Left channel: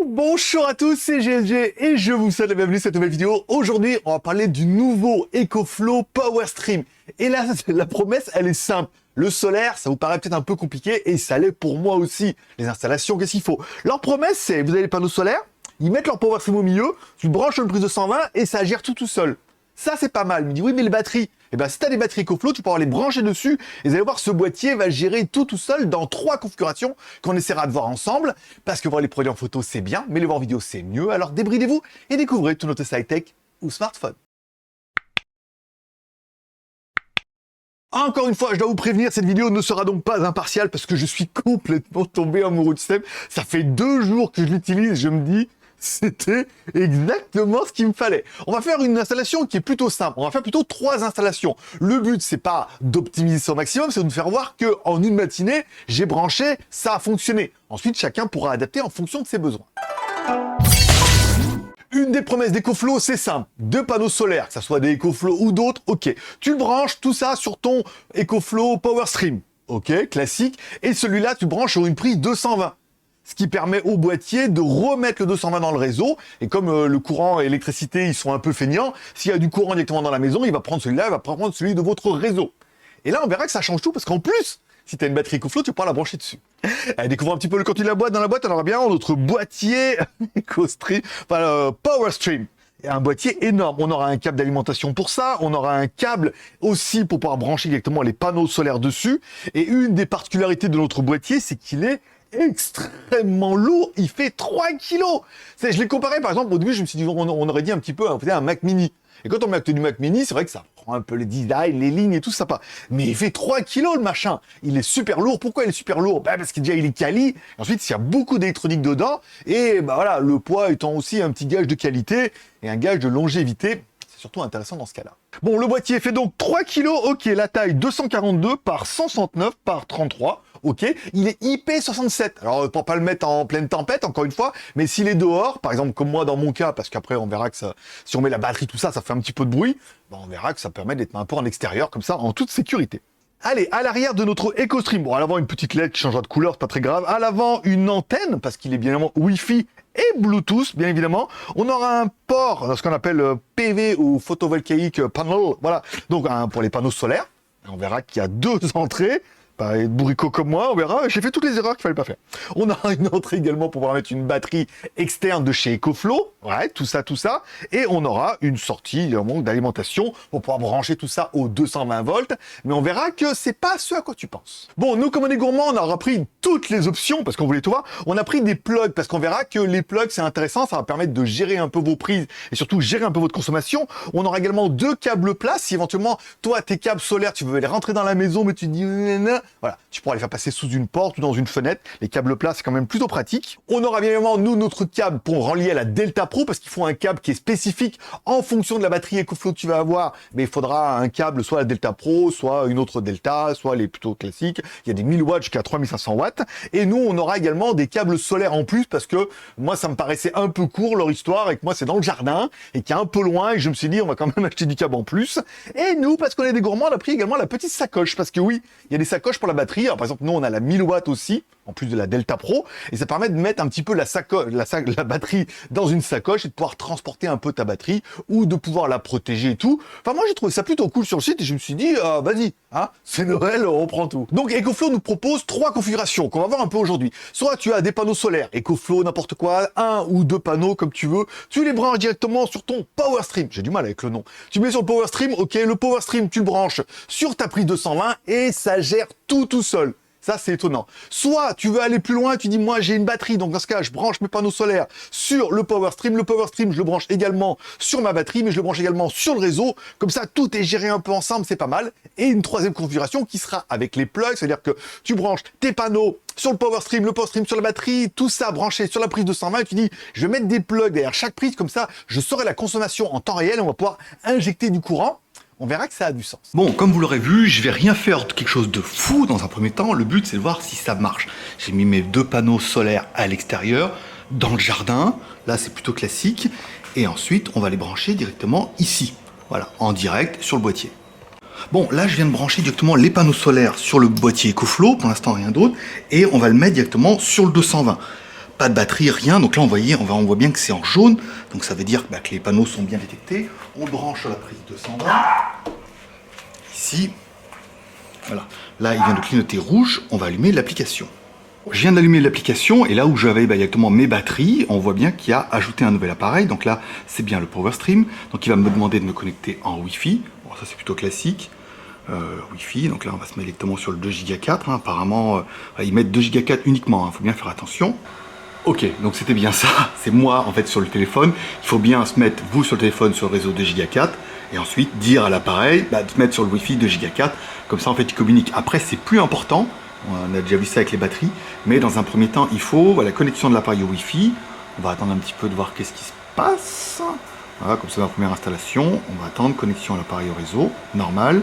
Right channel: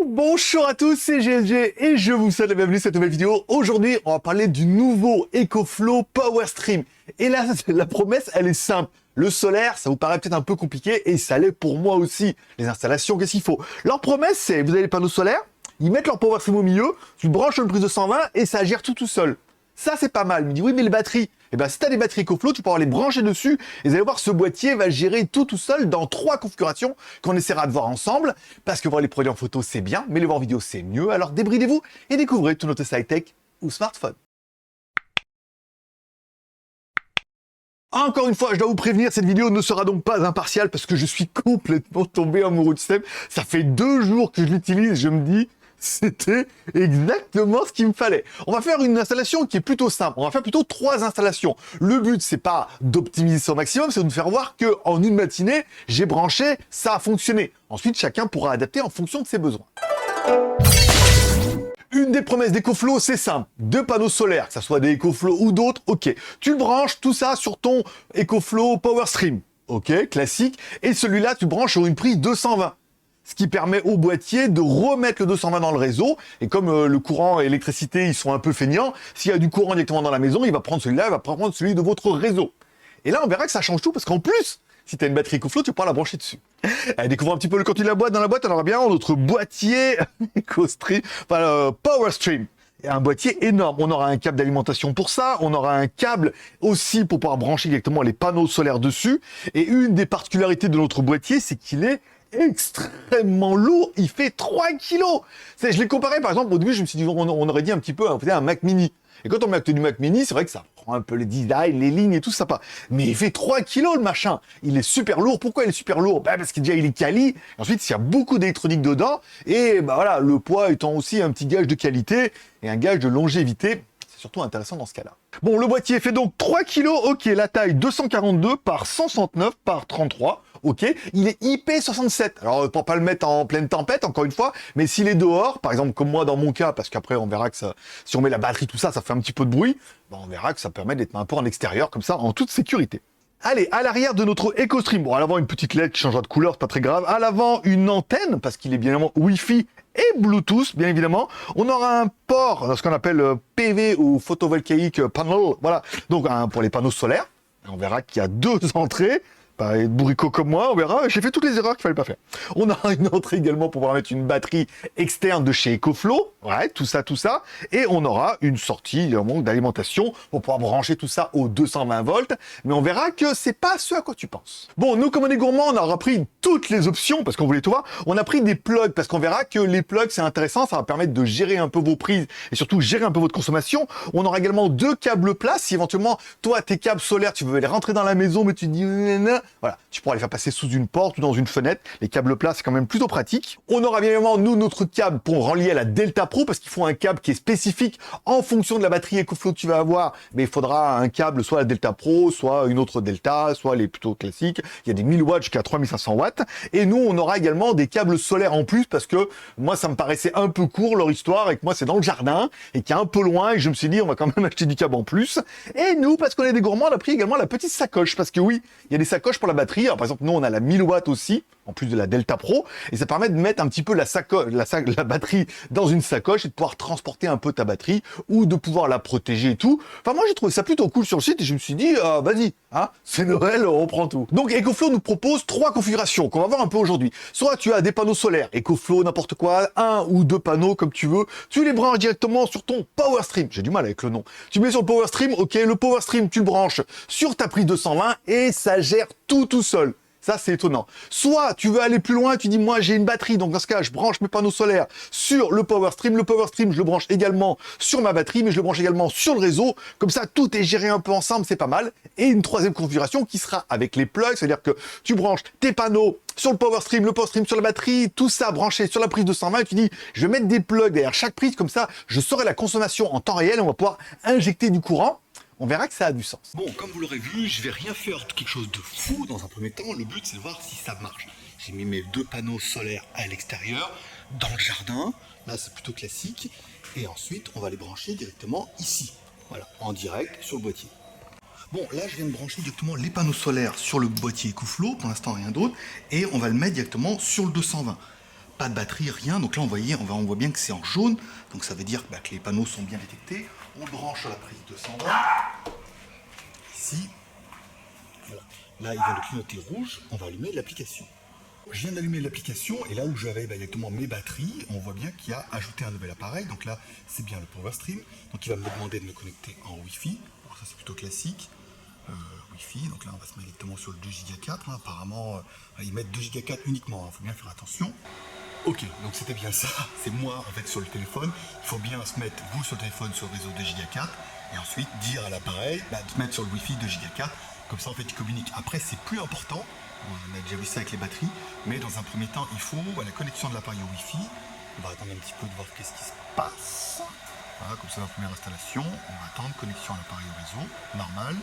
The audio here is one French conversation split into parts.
Bonjour à tous, c'est GLG et je vous souhaite la bienvenue sur cette nouvelle vidéo. Aujourd'hui, on va parler du nouveau EcoFlow Power Stream. Et là, la promesse, elle est simple. Le solaire, ça vous paraît peut-être un peu compliqué et ça l'est pour moi aussi. Les installations, qu'est-ce qu'il faut? Leur promesse, c'est, vous avez les panneaux solaires, ils mettent leur Power Stream au milieu, tu branches une prise de 120 et ça gère tout seul. Ça, c'est pas mal. Il me dit, oui, mais les batteries. Eh ben, si tu as des batteries EcoFlow, tu pourras les brancher dessus. Et vous allez voir, ce boîtier va gérer tout seul dans 3 configurations qu'on essaiera de voir ensemble. Parce que voir les produits en photo, c'est bien, mais les voir en vidéo, c'est mieux. Alors débridez-vous et découvrez tout notre high-tech ou smartphone. Encore une fois, je dois vous prévenir, cette vidéo ne sera donc pas impartiale parce que je suis complètement tombé amoureux du système. Ça fait 2 jours que je l'utilise, je me dis... C'était exactement ce qu'il me fallait. On va faire une installation qui est plutôt simple. On va faire plutôt 3 installations. Le but, c'est pas d'optimiser ça au maximum, c'est de nous faire voir que en une matinée, j'ai branché, ça a fonctionné. Ensuite, chacun pourra adapter en fonction de ses besoins. Une des promesses d'EcoFlow, c'est simple. 2 panneaux solaires, que ce soit des EcoFlow ou d'autres, ok. Tu le branches, tout ça, sur ton EcoFlow Power Stream. Ok, classique. Et celui-là, tu branches sur une prise 220. Ce qui permet au boîtier de remettre le 220 dans le réseau. Et comme le courant et l'électricité, ils sont un peu feignants, s'il y a du courant directement dans la maison, il va prendre celui-là, il va prendre celui de votre réseau. Et là, on verra que ça change tout, parce qu'en plus, si tu as une batterie EcoFlow, tu pourras la brancher dessus. Allez, découvrons un petit peu le contenu de la boîte. Dans la boîte, on aura bien notre boîtier EcoStream, enfin, Power Stream. Et un boîtier énorme. On aura un câble d'alimentation pour ça. On aura un câble aussi pour pouvoir brancher directement les panneaux solaires dessus. Et une des particularités de notre boîtier, c'est qu'il est extrêmement lourd, il fait 3 kilos. Je l'ai comparé par exemple, au début je me suis dit on aurait dit un petit peu un Mac Mini. Et quand on met du Mac Mini, c'est vrai que ça prend un peu le design, les lignes et tout ça pas. Mais il fait 3 kilos le machin. Il est super lourd. Pourquoi il est super lourd? Parce qu'il déjà il est quali. Ensuite, il y a beaucoup d'électronique dedans. Et voilà, le poids étant aussi un petit gage de qualité et un gage de longévité. C'est surtout intéressant dans ce cas-là. Bon, le boîtier fait donc 3 kg, ok, la taille 242 par 169 par 33, ok, il est IP67, alors pour pas le mettre en pleine tempête, encore une fois, mais s'il est dehors, par exemple comme moi dans mon cas, parce qu'après on verra que ça, si on met la batterie, tout ça, ça fait un petit peu de bruit, on verra que ça permet d'être un peu en extérieur, comme ça, en toute sécurité. Allez, à l'arrière de notre EcoStream, bon, à l'avant une petite LED qui changera de couleur, c'est pas très grave. À l'avant une antenne, parce qu'il est bien évidemment Wi-Fi et Bluetooth, bien évidemment. On aura un port, ce qu'on appelle PV ou photovoltaïque panel, voilà. Donc pour les panneaux solaires. On verra qu'il y a 2 entrées. Pas être bourricot comme moi, on verra. J'ai fait toutes les erreurs qu'il fallait pas faire. On a une entrée également pour pouvoir mettre une batterie externe de chez EcoFlow. Ouais, tout ça. Et on aura une sortie d'alimentation pour pouvoir brancher tout ça aux 220 volts. Mais on verra que c'est pas ce à quoi tu penses. Bon, nous, comme on est gourmands, on aura pris toutes les options parce qu'on voulait tout voir. On a pris des plugs parce qu'on verra que les plugs, c'est intéressant. Ça va permettre de gérer un peu vos prises et surtout gérer un peu votre consommation. On aura également 2 câbles plats. Si éventuellement, toi, tes câbles solaires, tu veux les rentrer dans la maison, mais tu dis... Voilà, tu pourras les faire passer sous une porte ou dans une fenêtre. Les câbles plats, c'est quand même plutôt pratique. On aura bien évidemment, nous, notre câble pour relier à la Delta Pro, parce qu'il faut un câble qui est spécifique en fonction de la batterie EcoFlow que tu vas avoir. Mais il faudra un câble, soit la Delta Pro, soit une autre Delta, soit les plutôt classiques. Il y a des 1000 watts jusqu'à 3500 watts. Et nous, on aura également des câbles solaires en plus, parce que moi, ça me paraissait un peu court, leur histoire, et que moi, c'est dans le jardin, et qui est un peu loin, et je me suis dit, on va quand même acheter du câble en plus. Et nous, parce qu'on est des gourmands, on a pris également la petite sacoche, parce que oui, il y a des sacoches pour la batterie. Alors, par exemple, nous, on a la 1000 watts aussi, en plus de la Delta Pro, et ça permet de mettre un petit peu la batterie dans une sacoche et de pouvoir transporter un peu ta batterie ou de pouvoir la protéger et tout. Enfin, moi, j'ai trouvé ça plutôt cool sur le site et je me suis dit, vas-y, hein, c'est Noël, on prend tout. Donc, EcoFlow nous propose 3 configurations qu'on va voir un peu aujourd'hui. Soit tu as des panneaux solaires, EcoFlow, n'importe quoi, 1 ou 2 panneaux comme tu veux, tu les branches directement sur ton Power Stream. J'ai du mal avec le nom. Tu mets sur le Power Stream, ok, le Power Stream, tu le branches sur ta prise 220 et ça gère tout seul. Ça, c'est étonnant. Soit tu veux aller plus loin, tu dis, moi, j'ai une batterie, donc dans ce cas, je branche mes panneaux solaires sur le Power Stream. Le Power Stream, je le branche également sur ma batterie, mais je le branche également sur le réseau. Comme ça, tout est géré un peu ensemble, c'est pas mal. Et une 3e configuration qui sera avec les plugs, c'est-à-dire que tu branches tes panneaux sur le Power Stream sur la batterie, tout ça branché sur la prise de 120, et tu dis, je vais mettre des plugs derrière chaque prise, comme ça, je saurai la consommation en temps réel, et on va pouvoir injecter du courant. On verra que ça a du sens. Bon, comme vous l'aurez vu, je vais rien faire de quelque chose de fou dans un premier temps. Le but, c'est de voir si ça marche. J'ai mis mes 2 panneaux solaires à l'extérieur, dans le jardin. Là, c'est plutôt classique. Et ensuite, on va les brancher directement ici. Voilà, en direct sur le boîtier. Bon, là, je viens de brancher directement les panneaux solaires sur le boîtier EcoFlow, pour l'instant rien d'autre, et on va le mettre directement sur le 220. Pas de batterie, rien, donc là, on voit bien que c'est en jaune, donc ça veut dire que les panneaux sont bien détectés. On le branche sur la prise 220, ici, voilà. Là, il vient de clignoter rouge, on va allumer l'application. Je viens d'allumer l'application, et là où j'avais directement mes batteries, on voit bien qu'il y a ajouté un nouvel appareil, donc là, c'est bien le PowerStream, donc il va me demander de me connecter en Wi-Fi, bon, ça c'est plutôt classique. Wi-Fi, donc là on va se mettre directement sur le 2 Go 4, apparemment ils mettent 2 Go 4 uniquement, il faut bien faire attention. Ok, donc c'était bien ça, c'est moi en fait sur le téléphone, il faut bien se mettre vous sur le téléphone sur le réseau 2 Go 4 et ensuite dire à l'appareil de se mettre sur le Wi-Fi 2 Go 4, comme ça en fait il communique. Après c'est plus important, on a déjà vu ça avec les batteries, mais dans un premier temps il faut la connexion de l'appareil au Wi-Fi, on va attendre un petit peu de voir qu'est-ce qui se passe. Voilà, comme c'est ma première installation, on va attendre connexion à l'appareil au réseau, normal.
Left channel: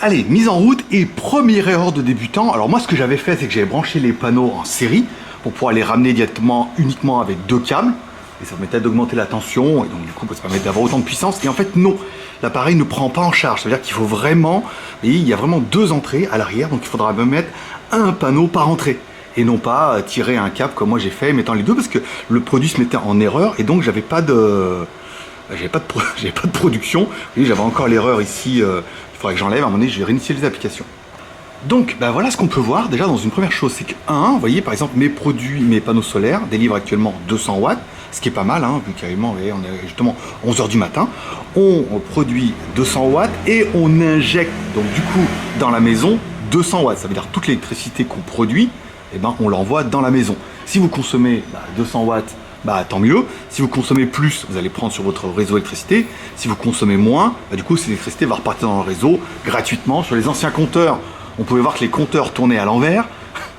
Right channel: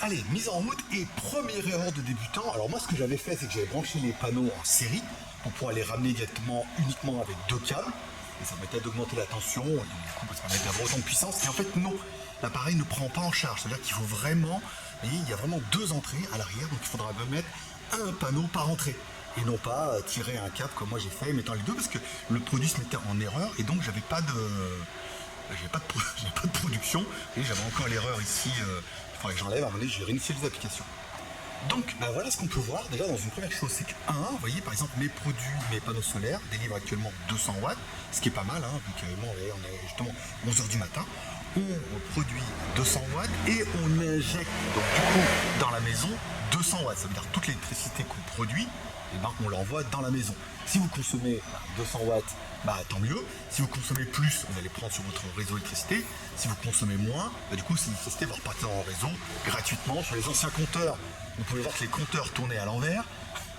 Allez, mise en route et première erreur de débutant. Alors moi ce que j'avais fait c'est que j'avais branché les panneaux en série pour pouvoir les ramener directement uniquement avec 2 câbles et ça permettait d'augmenter la tension et donc du coup ça permettait d'avoir autant de puissance et en fait non, l'appareil ne prend pas en charge, ça veut dire qu'il faut vraiment, vous voyez, il y a vraiment 2 entrées à l'arrière donc il faudra même mettre un panneau par entrée et non pas tirer un câble comme moi j'ai fait mettant les deux parce que le produit se mettait en erreur et donc j'avais pas de production. Vous voyez, j'avais encore l'erreur ici, il faudrait que j'enlève, à un moment donné je vais réinitier les applications. Donc voilà ce qu'on peut voir déjà dans une première chose, c'est que vous voyez par exemple mes panneaux solaires délivrent actuellement 200 watts, ce qui est pas mal, vu qu'actuellement on est justement 11h du matin, on produit 200 watts et on injecte donc du coup dans la maison 200 watts, ça veut dire toute l'électricité qu'on produit, on l'envoie dans la maison. Si vous consommez 200 watts, tant mieux. Si vous consommez plus, vous allez prendre sur votre réseau électricité. Si vous consommez moins, du coup, cette électricité va repartir dans le réseau gratuitement. Sur les anciens compteurs, on pouvait voir que les compteurs tournaient à l'envers.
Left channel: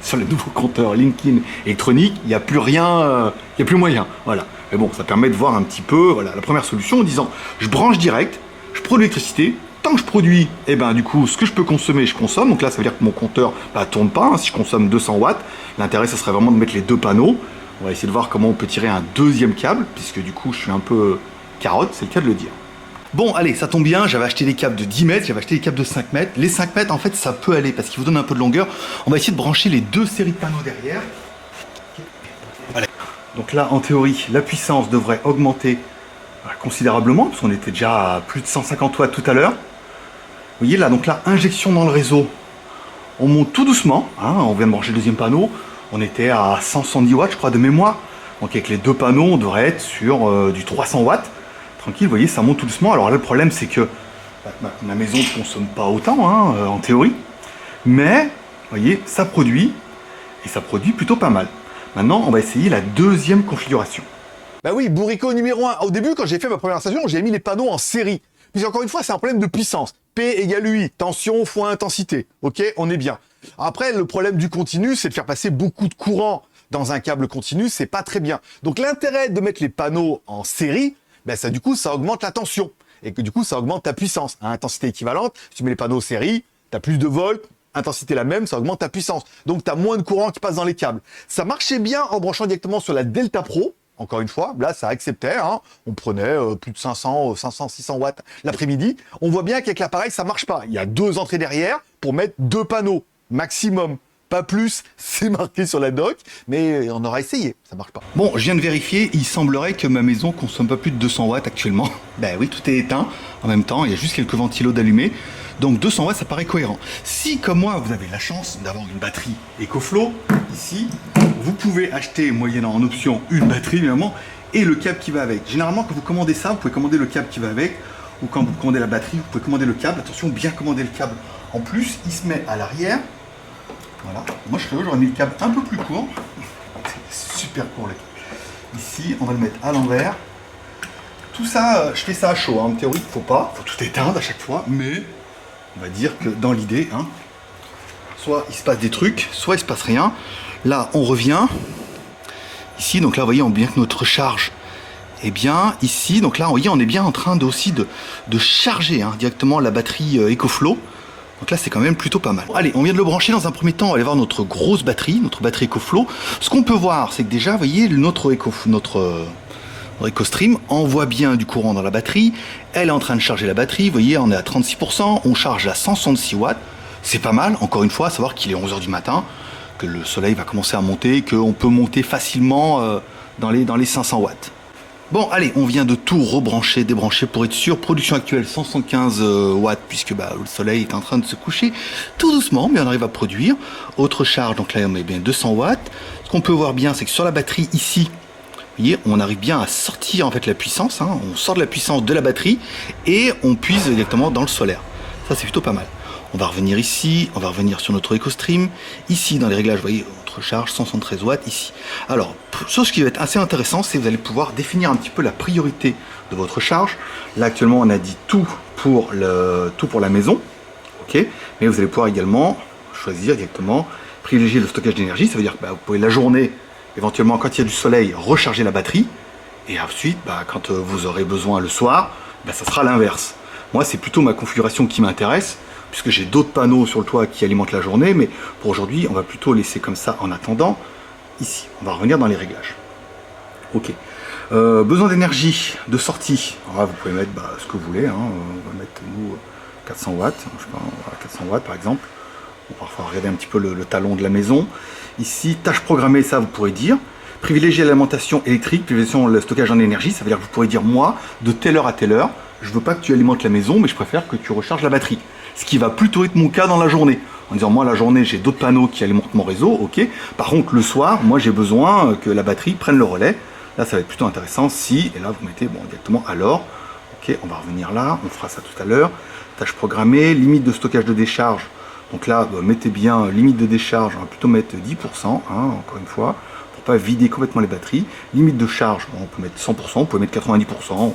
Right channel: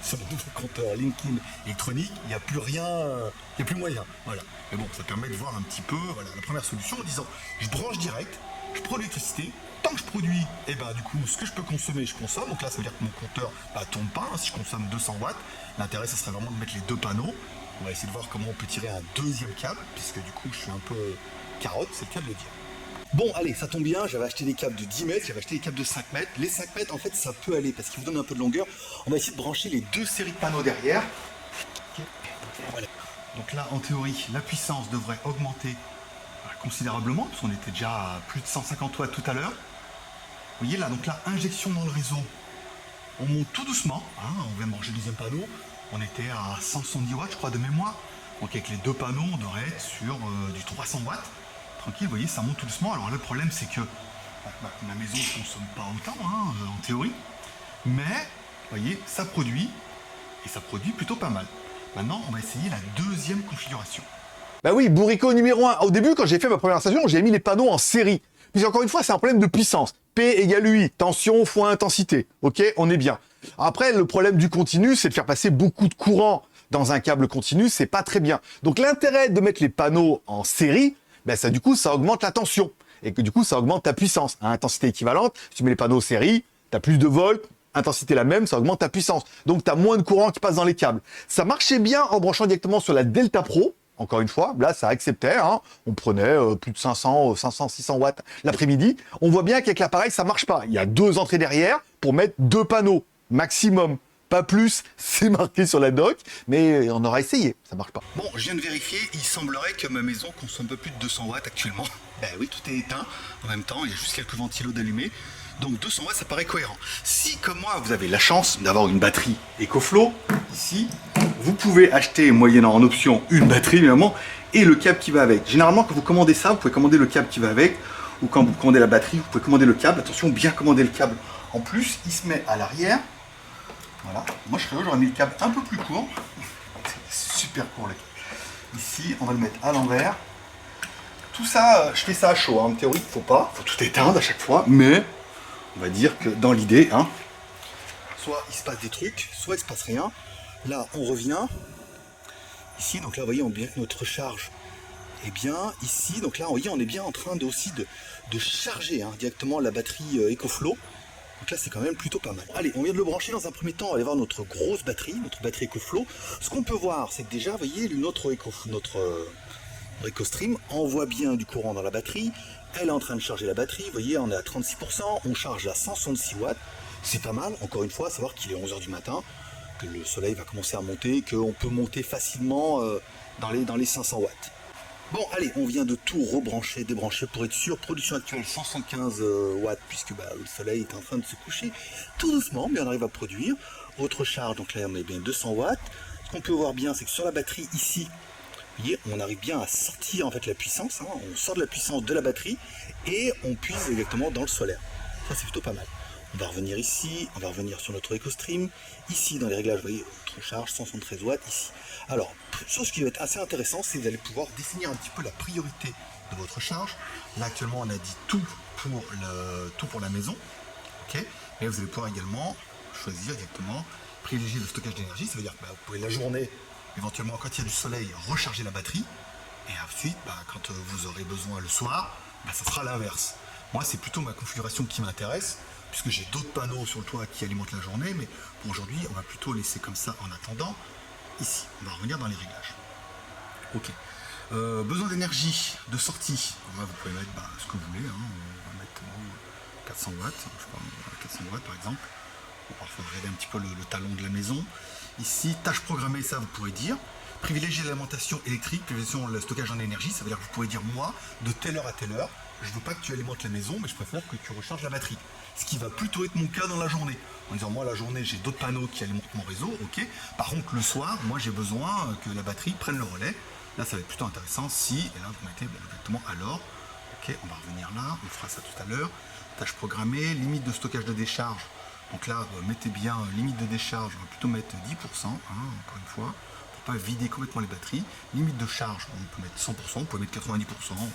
Sur les nouveaux compteurs Linkin électroniques, il n'y a plus rien, il n'y a plus moyen. Voilà. Mais bon, ça permet de voir un petit peu la première solution en disant je branche direct, je produis l'électricité. Tant que je produis, du coup, ce que je peux consommer, je consomme. Donc là, ça veut dire que mon compteur tourne pas. Si je consomme 200 watts, l'intérêt, ça serait vraiment de mettre les 2 panneaux. On va essayer de voir comment on peut tirer un deuxième câble, puisque du coup je suis un peu carotte, c'est le cas de le dire. Bon, allez, ça tombe bien, j'avais acheté des câbles de 10 mètres, j'avais acheté des câbles de 5 mètres. Les 5 mètres, en fait, ça peut aller, parce qu'ils vous donnent un peu de longueur. On va essayer de brancher les 2 séries de panneaux derrière. Voilà. Donc là, en théorie, la puissance devrait augmenter considérablement, parce qu'on était déjà à plus de 150 watts tout à l'heure. Vous voyez là, donc là, injection dans le réseau. On monte tout doucement, on vient de brancher le deuxième panneau. On était à 170 watts, je crois, de mémoire. Donc avec les 2 panneaux, on devrait être sur du 300 watts. Tranquille, vous voyez, ça monte tout doucement. Alors là, le problème, c'est que ma maison ne consomme pas autant, en théorie. Mais, vous voyez, ça produit. Et ça produit plutôt pas mal. Maintenant, on va essayer la deuxième configuration. Bah oui, bourricot numéro 1. Au début, quand j'ai fait ma première installation, j'ai mis les panneaux en série. Puis encore une fois, c'est un problème de puissance. P égale UI, tension fois intensité. Ok, on est bien. Après, le problème du continu, c'est de faire passer beaucoup de courant dans un câble continu, c'est pas très bien. Donc l'intérêt de mettre les panneaux en série, ça du coup, ça augmente la tension. Et que du coup, ça augmente ta puissance. À intensité équivalente, si tu mets les panneaux en série, tu as plus de volts, intensité la même, ça augmente ta puissance. Donc tu as moins de courant qui passe dans les câbles. Ça marchait bien en branchant directement sur la Delta Pro. Encore une fois, là, ça acceptait. On prenait plus de 500, 600 watts l'après-midi. On voit bien qu'avec l'appareil, ça marche pas. Il y a 2 entrées derrière pour mettre 2 panneaux maximum. Pas plus, c'est marqué sur la doc, mais on aura essayé, ça marche pas. Bon, je viens de vérifier, il semblerait que ma maison consomme pas plus de 200 watts actuellement. Oui, tout est éteint en même temps, il y a juste quelques ventilos d'allumés. Donc 200 watts, ça paraît cohérent. Si, comme moi, vous avez la chance d'avoir une batterie EcoFlow, ici, vous pouvez acheter, moyennant en option, une batterie, évidemment, et le câble qui va avec. Généralement, quand vous commandez ça, vous pouvez commander le câble qui va avec, ou quand vous commandez la batterie, vous pouvez commander le câble. Attention, bien commander le câble. En plus, il se met à l'arrière. Voilà. Moi, j'aurais mis le câble un peu plus court. C'est super court, le câble. Ici, on va le mettre à l'envers. Tout ça, je fais ça à chaud. En théorie, il faut tout éteindre à chaque fois, mais on va dire que dans l'idée, soit il se passe des trucs, soit il se passe rien. Là, on revient. Ici, donc là, vous voyez, on voit bien que notre charge est bien ici. Donc là, vous voyez, on est bien en train de charger directement la batterie EcoFlow. Donc là, c'est quand même plutôt pas mal. Allez, on vient de le brancher. Dans un premier temps, on va aller voir notre grosse batterie, notre batterie EcoFlow. Ce qu'on peut voir, c'est que déjà, vous voyez, notre EcoStream envoie bien du courant dans la batterie. Elle est en train de charger la batterie. Vous voyez, on est à 36%. On charge à 166 watts. C'est pas mal. Encore une fois, à savoir qu'il est 11h du matin, que le soleil va commencer à monter, qu'on peut monter facilement dans les 500 watts. Bon, allez, on vient de tout rebrancher, débrancher pour être sûr. Production actuelle 175 watts, puisque le soleil est en train de se coucher tout doucement, mais on arrive à produire. Autre charge, donc là on met bien 200 watts. Ce qu'on peut voir bien, c'est que sur la batterie ici, vous voyez, on arrive bien à sortir en fait la puissance. On sort de la puissance de la batterie et on puise directement dans le solaire. Ça, c'est plutôt pas mal. On va revenir ici, on va revenir sur notre EcoStream. Ici, dans les réglages, vous voyez, notre charge 173 watts ici. Alors, ce qui va être assez intéressant, c'est que vous allez pouvoir définir un petit peu la priorité de votre charge. Là, actuellement, on a dit tout pour la maison. Ok, mais vous allez pouvoir également choisir directement, privilégier le stockage d'énergie. Ça veut dire que vous pouvez la journée, éventuellement, quand il y a du soleil, recharger la batterie. Et ensuite, quand vous aurez besoin le soir, ça sera l'inverse. Moi, c'est plutôt ma configuration qui m'intéresse, puisque j'ai d'autres panneaux sur le toit qui alimentent la journée, mais pour aujourd'hui, on va plutôt laisser comme ça en attendant. Ici, on va revenir dans les réglages. Ok. Besoin d'énergie de sortie. Alors là, vous pouvez mettre ce que vous voulez. On va mettre, nous, 400 watts. Je sais pas, 400 watts, par exemple. On va parfois regarder un petit peu le talon de la maison. Ici, tâches programmées, ça, vous pourrez dire. Privilégier l'alimentation électrique, privilégier le stockage en énergie. Ça veut dire que vous pourrez dire, moi, de telle heure à telle heure, je ne veux pas que tu alimentes la maison, mais je préfère que tu recharges la batterie. Ce qui va plutôt être mon cas dans la journée. En disant, moi, la journée, j'ai d'autres panneaux qui alimentent mon réseau, ok. Par contre, le soir, moi, j'ai besoin que la batterie prenne le relais. Là, ça va être plutôt intéressant si, et là, vous mettez directement alors. Ok, on va revenir là, on fera ça tout à l'heure. Tâches programmées, limite de stockage de décharge. Donc là, mettez bien limite de décharge, on va plutôt mettre 10%, encore une fois, pour pas vider complètement les batteries. Limite de charge, on peut mettre 100%, on peut mettre 90%,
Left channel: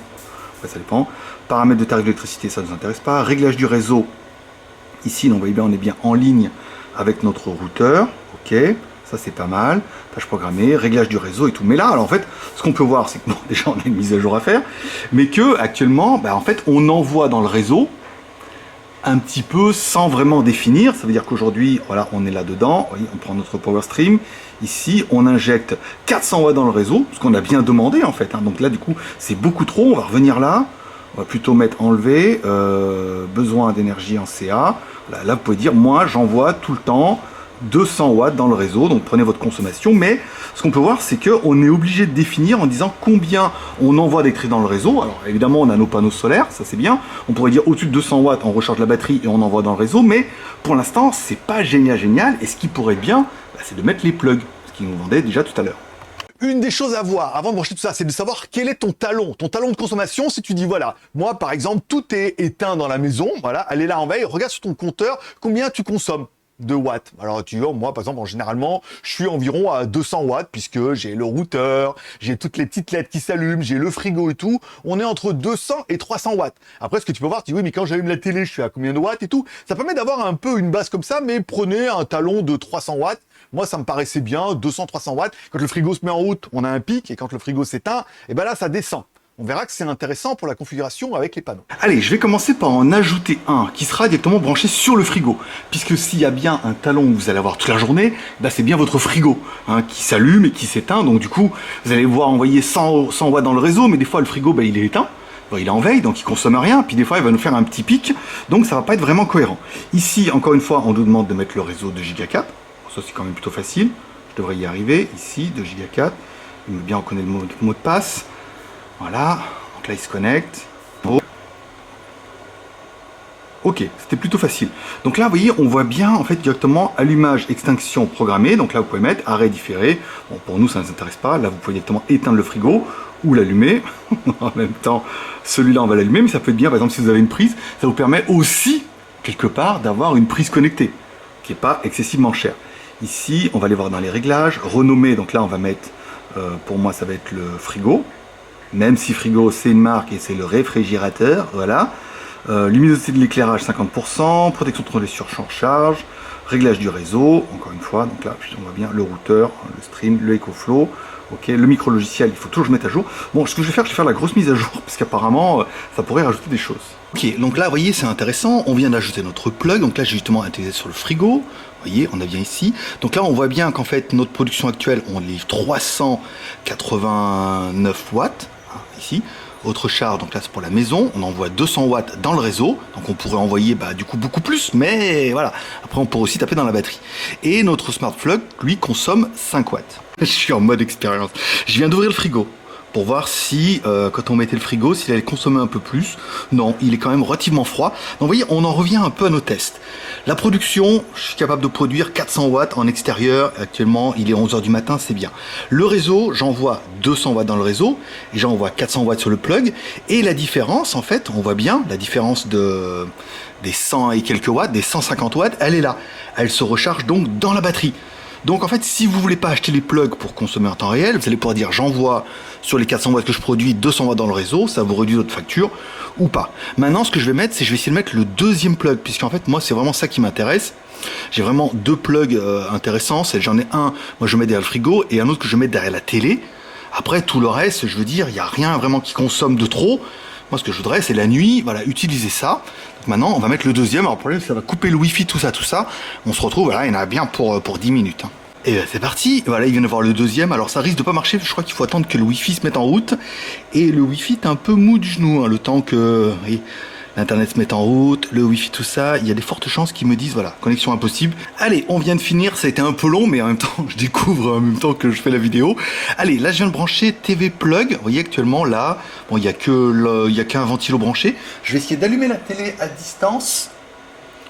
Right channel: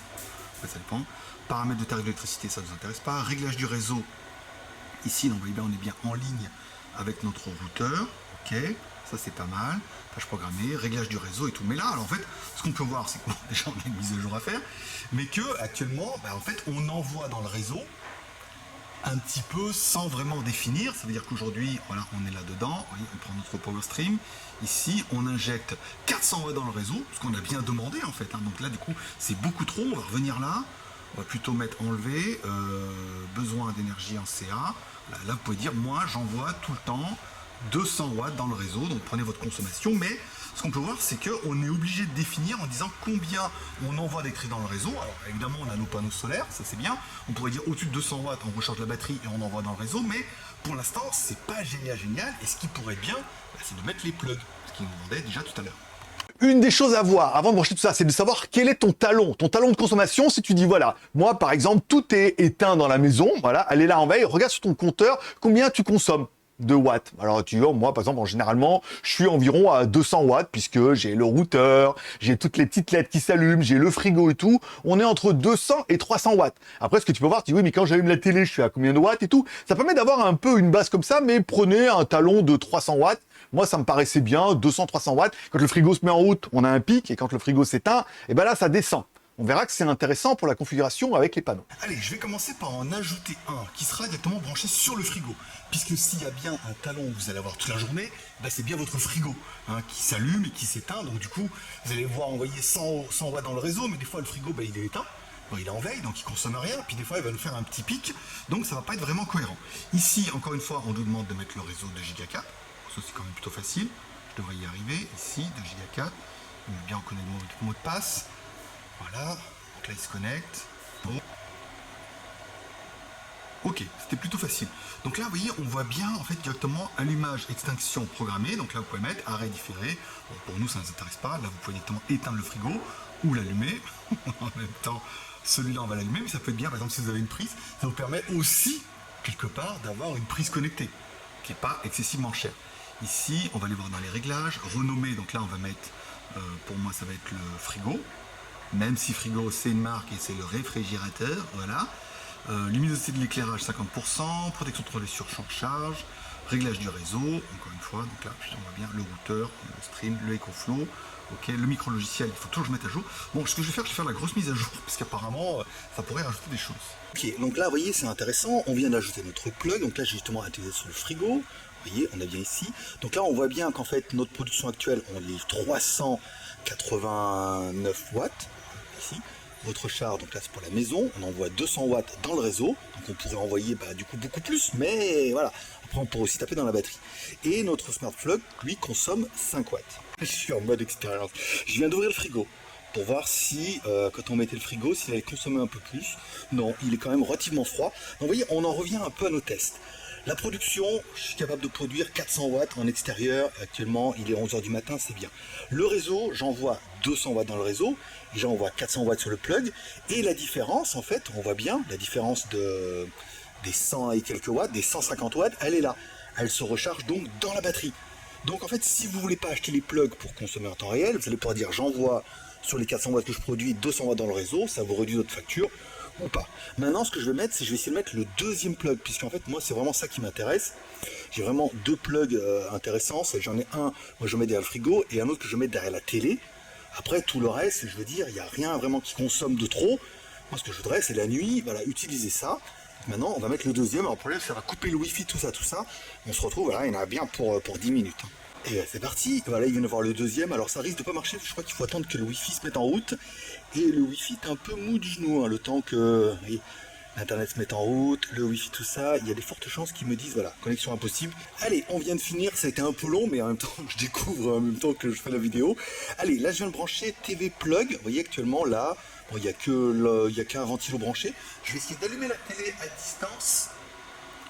ça dépend. Paramètres de tarif d'électricité, ça ne nous intéresse pas. Réglage du réseau. Ici, donc, vous voyez bien, on est bien en ligne avec notre routeur. Ok, ça c'est pas mal. Tâches programmées, réglage du réseau et tout. Mais là, alors en fait, ce qu'on peut voir, c'est que déjà on a une mise à jour à faire, mais que actuellement, en fait, on envoie dans le réseau un petit peu sans vraiment définir. Ça veut dire qu'aujourd'hui, voilà, on est là-dedans. Vous voyez, on prend notre Power Stream. Ici, on injecte 400 watts dans le réseau, ce qu'on a bien demandé en fait. Donc là, du coup, c'est beaucoup trop. On va revenir là. On va plutôt mettre enlever, besoin d'énergie en CA. Là, vous pouvez dire, moi, j'envoie tout le temps 200 watts dans le réseau. Donc, prenez votre consommation. Mais ce qu'on peut voir, c'est qu'on est obligé de définir en disant combien on envoie d'électricité dans le réseau. Alors, évidemment, on a nos panneaux solaires, ça c'est bien. On pourrait dire au-dessus de 200 watts, on recharge la batterie et on envoie dans le réseau. Mais pour l'instant, c'est pas génial. Et ce qui pourrait être bien, c'est de mettre les plugs, ce qu'ils nous vendaient déjà tout à l'heure. Une des choses à voir avant de brancher tout ça, c'est de savoir quel est ton talon de consommation. Si tu dis, voilà, moi par exemple, tout est éteint dans la maison, voilà, elle est là en veille, regarde sur ton compteur combien tu consommes de watts. Alors tu vois, moi par exemple, généralement, je suis environ à 200 watts puisque j'ai le routeur, j'ai toutes les petites LED qui s'allument, j'ai le frigo et tout. On est entre 200 et 300 watts. Après, ce que tu peux voir, tu dis, oui, mais quand j'allume la télé, je suis à combien de watts et tout. Ça permet d'avoir un peu une base comme ça, mais prenez un talon de 300 watts. Moi, ça me paraissait bien, 200-300 watts. Quand le frigo se met en route, on a un pic, et quand le frigo s'éteint, et ben là, ça descend. On verra que c'est intéressant pour la configuration avec les panneaux. Allez, je vais commencer par en ajouter un qui sera directement branché sur le frigo. Puisque s'il y a bien un talon que vous allez avoir toute la journée, c'est bien votre frigo qui s'allume et qui s'éteint. Donc du coup, vous allez voir envoyer 100 watts dans le réseau, mais des fois, le frigo, il est éteint. Il est en veille, donc il consomme rien, puis des fois il va nous faire un petit pic, donc ça va pas être vraiment cohérent. Ici, encore une fois, on nous demande de mettre le réseau de Giga 4. Ça c'est quand même plutôt facile, je devrais y arriver. Ici, de Giga 4, il me bien reconnaître le mot de passe. Voilà, donc là il se connecte. Ok, c'était plutôt facile. Donc là, vous voyez, on voit bien en fait directement allumage, extinction programmée. Donc là, vous pouvez mettre arrêt différé. Bon, pour nous, ça ne nous intéresse pas. Là, vous pouvez directement éteindre le frigo ou l'allumer. En même temps, celui-là, on va l'allumer, mais ça peut être bien, par exemple, si vous avez une prise, ça vous permet aussi, quelque part, d'avoir une prise connectée, qui n'est pas excessivement chère. Ici, on va aller voir dans les réglages, renommer, donc là on va mettre, pour moi ça va être le frigo, même si frigo c'est une marque et c'est le réfrigérateur, voilà. Luminosité de l'éclairage 50%, protection contre les surcharges, réglage du réseau, encore une fois, donc là on voit bien le routeur, le stream, le EcoFlow, ok, le micro logiciel, il faut toujours que je mette à jour. Bon, ce que je vais faire la grosse mise à jour, parce qu'apparemment ça pourrait rajouter des choses. Ok, donc là vous voyez c'est intéressant, on vient d'ajouter notre plug, donc là j'ai justement intégré sur le frigo. Vous voyez, on a bien ici. Donc là, on voit bien qu'en fait, notre production actuelle, on livre 389 watts. ici. Autre charge, donc là c'est pour la maison, on envoie 200 watts dans le réseau, donc on pourrait envoyer du coup beaucoup plus, mais voilà, après on pourrait aussi taper dans la batterie. Et notre smart plug, lui, consomme 5 watts. Je suis en mode expérience. Je viens d'ouvrir le frigo pour voir si, quand on mettait le frigo, s'il allait consommer un peu plus. Non, il est quand même relativement froid. Donc vous voyez, on en revient un peu à nos tests. La production, je suis capable de produire 400 watts en extérieur. Actuellement, il est 11h du matin, c'est bien. Le réseau, j'envoie 200 watts dans le réseau et j'envoie 400 watts sur le plug. Et la différence, en fait, on voit bien la différence des 100 et quelques watts, des 150 watts, elle est là. Elle se recharge donc dans la batterie. Donc en fait, si vous voulez pas acheter les plugs pour consommer en temps réel, vous allez pouvoir dire j'envoie sur les 400 watts que je produis 200 watts dans le réseau, ça vous réduit votre facture ou pas. Maintenant, ce que je vais mettre, c'est je vais essayer de mettre le deuxième plug, puisqu'en fait, moi, c'est vraiment ça qui m'intéresse. J'ai vraiment deux plugs intéressants. J'en ai un, moi je mets derrière le frigo, et un autre que je mets derrière la télé. Après, tout le reste, je veux dire, il n'y a rien vraiment qui consomme de trop. Moi, ce que je voudrais, c'est la nuit, voilà, utiliser ça. Donc maintenant, on va mettre le deuxième. Alors, le problème, ça va couper le Wi-Fi, tout ça. On se retrouve, voilà, il y en a bien pour 10 minutes. Et c'est parti, voilà, il vient de voir le deuxième. Alors, ça risque de pas marcher, je crois qu'il faut attendre que le Wi-Fi se mette en route. Et le Wi-Fi est un peu mou du genou, le temps que l'Internet se mette en route, le Wi-Fi, tout ça. Il y a des fortes chances qu'ils me disent, voilà, connexion impossible. Allez, on vient de finir, ça a été un peu long, mais en même temps, je découvre en même temps que je fais la vidéo. Allez, là, je viens de brancher TV Plug. Vous voyez, actuellement, là, bon, il n'y a qu'un ventilo branché. Je vais essayer d'allumer la télé à distance.